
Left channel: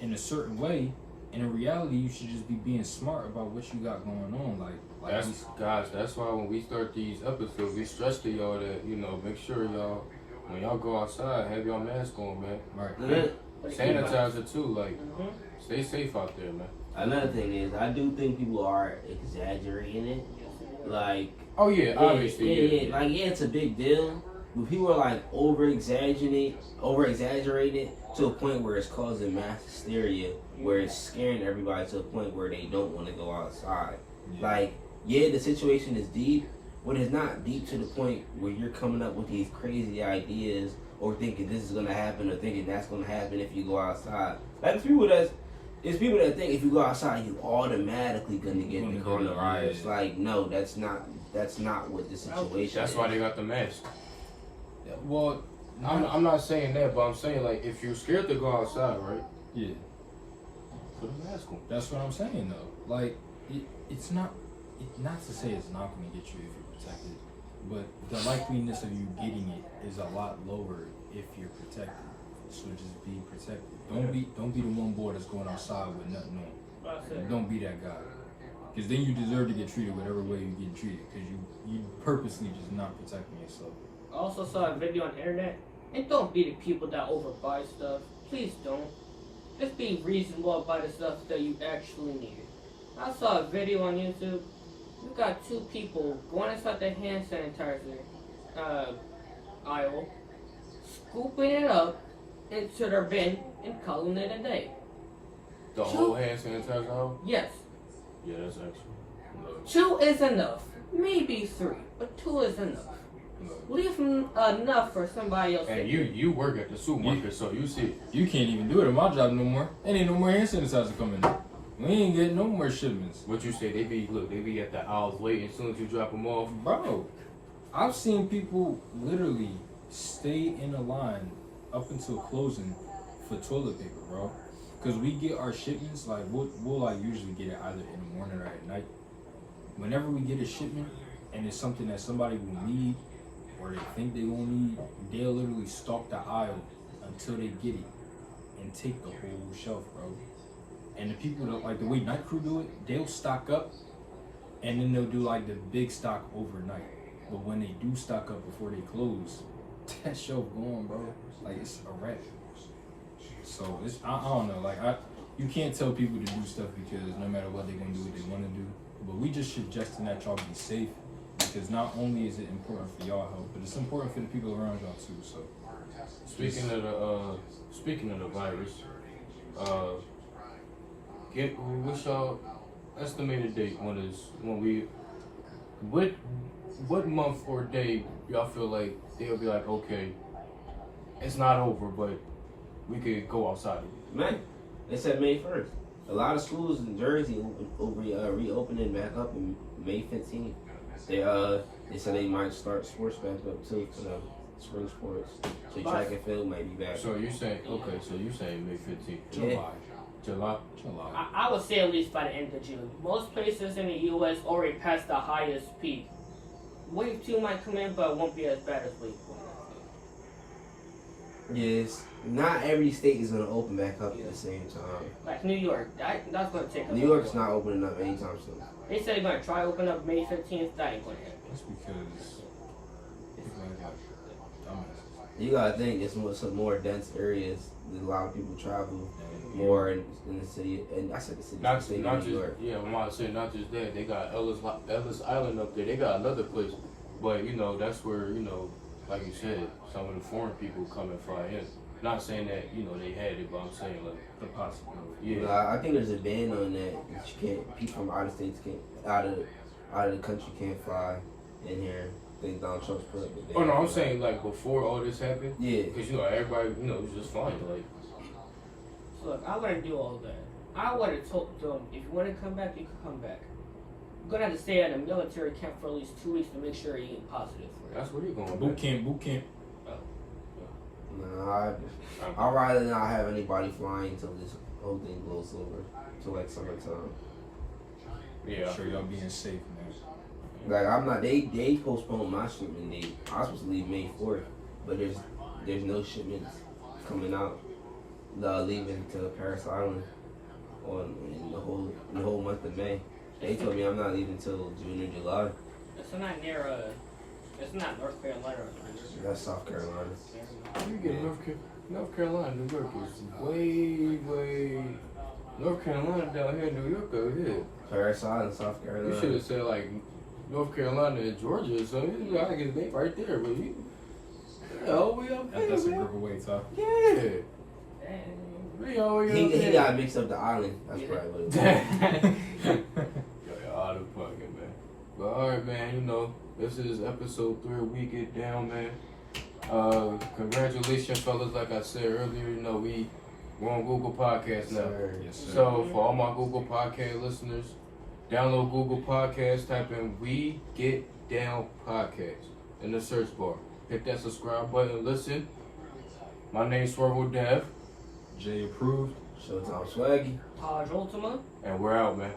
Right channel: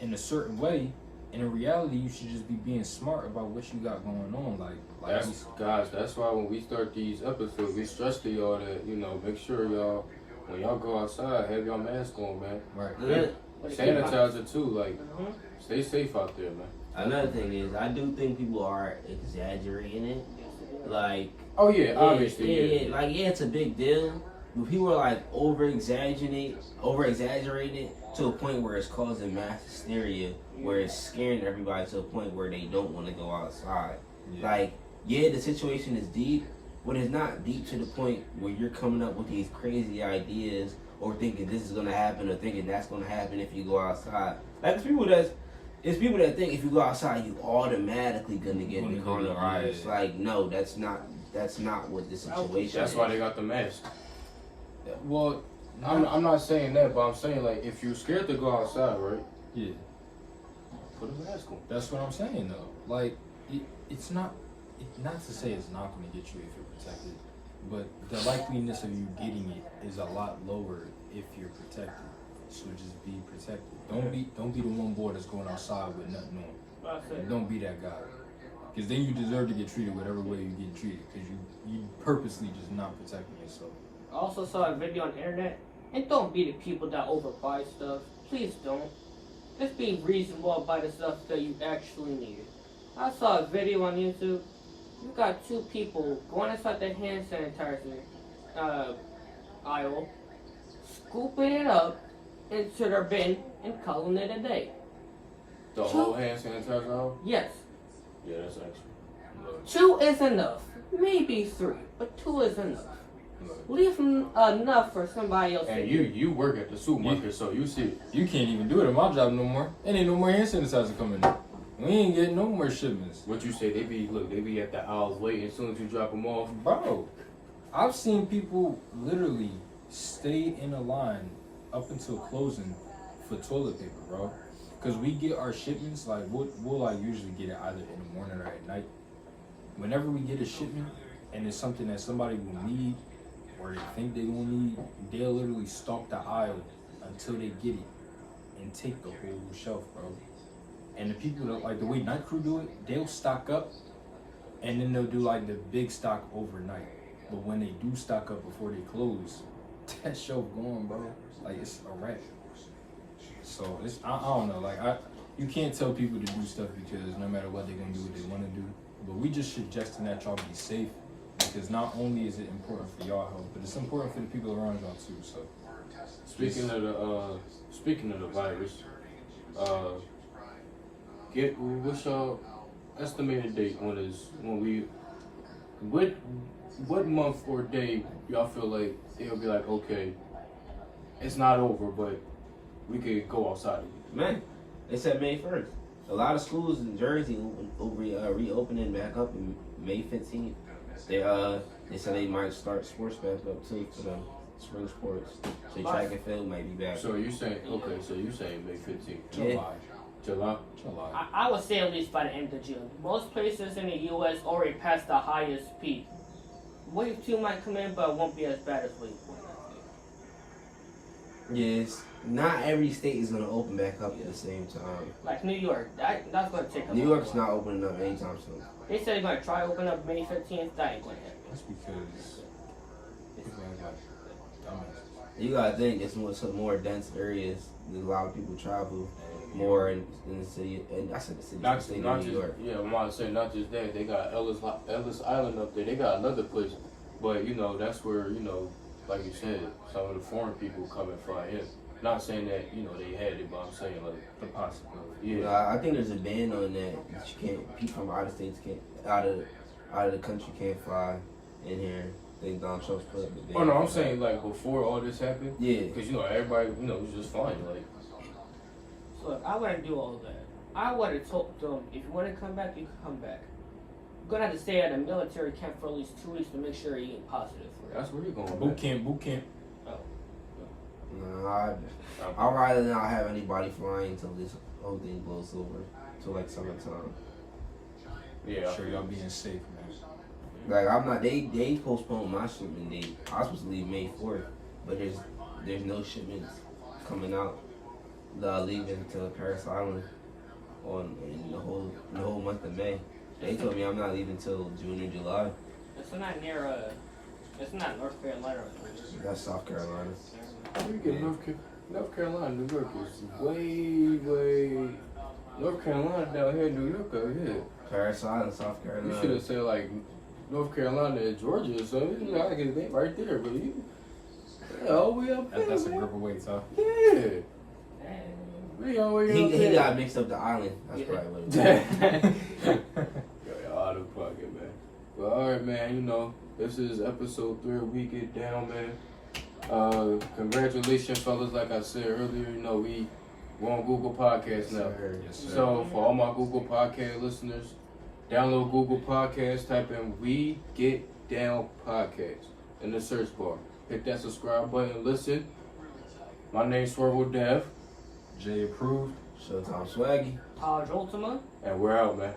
in a certain way, and in reality, you should just be being smart about what you got going on. That's why when we start these episodes, we stress to y'all that, you know, make sure y'all, when y'all go outside, have your mask on, man. Right. Sanitizer too, like, stay safe out there, man. Another thing is, I do think people are exaggerating it. Like, Oh yeah, obviously. yeah. Like, yeah, it's a big deal, but people are like over exaggerating it to a point where it's causing mass hysteria, where it's scaring everybody to a point where they don't want to go outside. Yeah. Like, yeah, the situation is deep, when it's not deep to the point where you're coming up with these crazy ideas or thinking this is gonna happen or thinking that's gonna happen if you go outside. Like it's people that think if you go outside you automatically gonna get the coronavirus. Yeah. Like no, that's not what the situation That's is. why they got the mask. Well, I'm not saying that, but I'm saying like if you're scared to go outside, right? yeah, Put a mask on. that's what I'm saying though. Like, it's not to say it's not going to get you if you're protected, but the likeliness of you getting it is a lot lower if you're protected. So just be protected. Don't be the one boy that's going outside with nothing on. Don't be that guy. Because then you deserve to get treated whatever way you get treated. Because you purposely just not protecting yourself. I also saw a video on the internet, and don't be the people that overbuy stuff. Please don't. Just be reasonable about the stuff that you actually need. I saw a video on YouTube. You got two people going inside the hand sanitizer aisle, scooping it up into their bin and calling it a day. The whole hand sanitizer out? Yes, Yeah, that's actually. 2 is enough. Maybe 3, but 2 is enough. Leave enough for somebody else. And you work at the supermarket, so you see it. You can't even do it at my job no more. Ain't no more hand sanitizer coming in. We ain't getting no more shipments. What you say? They be at the aisles waiting. As soon as you drop them off, Bro, I've seen people literally stay in a line up until closing for toilet paper, bro. Cause we get our shipments, like we'll like usually get it either in the morning or at night. Whenever we get a shipment and it's something that somebody will need or they think they will need, they'll literally stalk the aisle until they get it and take the whole shelf, bro. And the people that like the way night crew do it, they'll stock up and then they'll do like the big stock overnight. But when they do stock up before they close, that shelf gone, bro. Like it's a wrap. So it's I don't know. Like you can't tell people to do stuff because no matter what they're gonna do what they want to do. But we just suggesting that y'all be safe because not only is it important for y'all health, but it's important for the people around y'all too. So speaking of the virus, what's y'all estimated date what month or day y'all feel like they'll be like, okay, it's not over, but we could go outside. Man, they said May 1st. A lot of schools in Jersey reopening back up in May 15th. They said they might start sports back up too for the spring sports. So track and field might be back. So you saying May 15th? Yeah. July. I would say at least by the end of June. Most places in the U.S. already passed the highest peak. Wave 2 might come in, but it won't be as bad as Wave 1. Yes, not every state is gonna open back up at the same time. Like New York, that's going to take a New York's while. not opening up anytime soon. They said they're going to try to open up May 15th. That ain't going to happen. that's because people act like dumbass. You gotta think it's some more dense areas. There's a lot of people travel more in the city, and I said the city, the state of New York. Yeah, I'm about to say not just that. They got Ellis Island up there. They got another place, but that's where like you said, some of the foreign people come and fly in. Not saying that they had it, but I'm saying like The possibility. yeah. I think there's a ban on that. You can't. People from out of states can't out of the country can't fly in here. I think Donald Trump's put up a ban. Oh no, I'm saying like before all this happened. Yeah. Because everybody was just fine. Like Look, I wouldn't do all that. I would have told them, if you want to come back, you can come back. You're going to have to stay at a military camp for at least 2 weeks to make sure you get positive for it. that's where you're going. Boot camp. No, I'd rather not have anybody flying until this whole thing blows over. Till like summertime. Yeah. Sure y'all being safe, man. Like I'm not. They postponed my shipment date. I was supposed to leave May 4th, but there's no shipments coming out. Leaving to Paris Island in the whole month of May. They told me I'm not leaving till June or July. It's not near it's not North Carolina. That's South Carolina. You get North Carolina, New York is way. North Carolina down here, New York over here. Paris Island, South Carolina. You should have said like North Carolina and Georgia or something. I guess they right there, but all the way up there. That's a man. grip of weight, huh? Yeah. We all the way up He there. got mixed up the island. That's Yeah. probably what it was. Out of pocket, man. But alright, man, you know, this is episode 3 of We Get Down, man. Congratulations, fellas. Like I said earlier, you know, we're on Google Podcasts now. Yes, sir. So, for all my Google Podcast listeners, download Google Podcasts, type in We Get Down Podcast in the search bar. Hit that subscribe button, listen. My name's Swervo Dev, Jay approved. Showtime Swaggy. Taj Ultima. and we're out, man.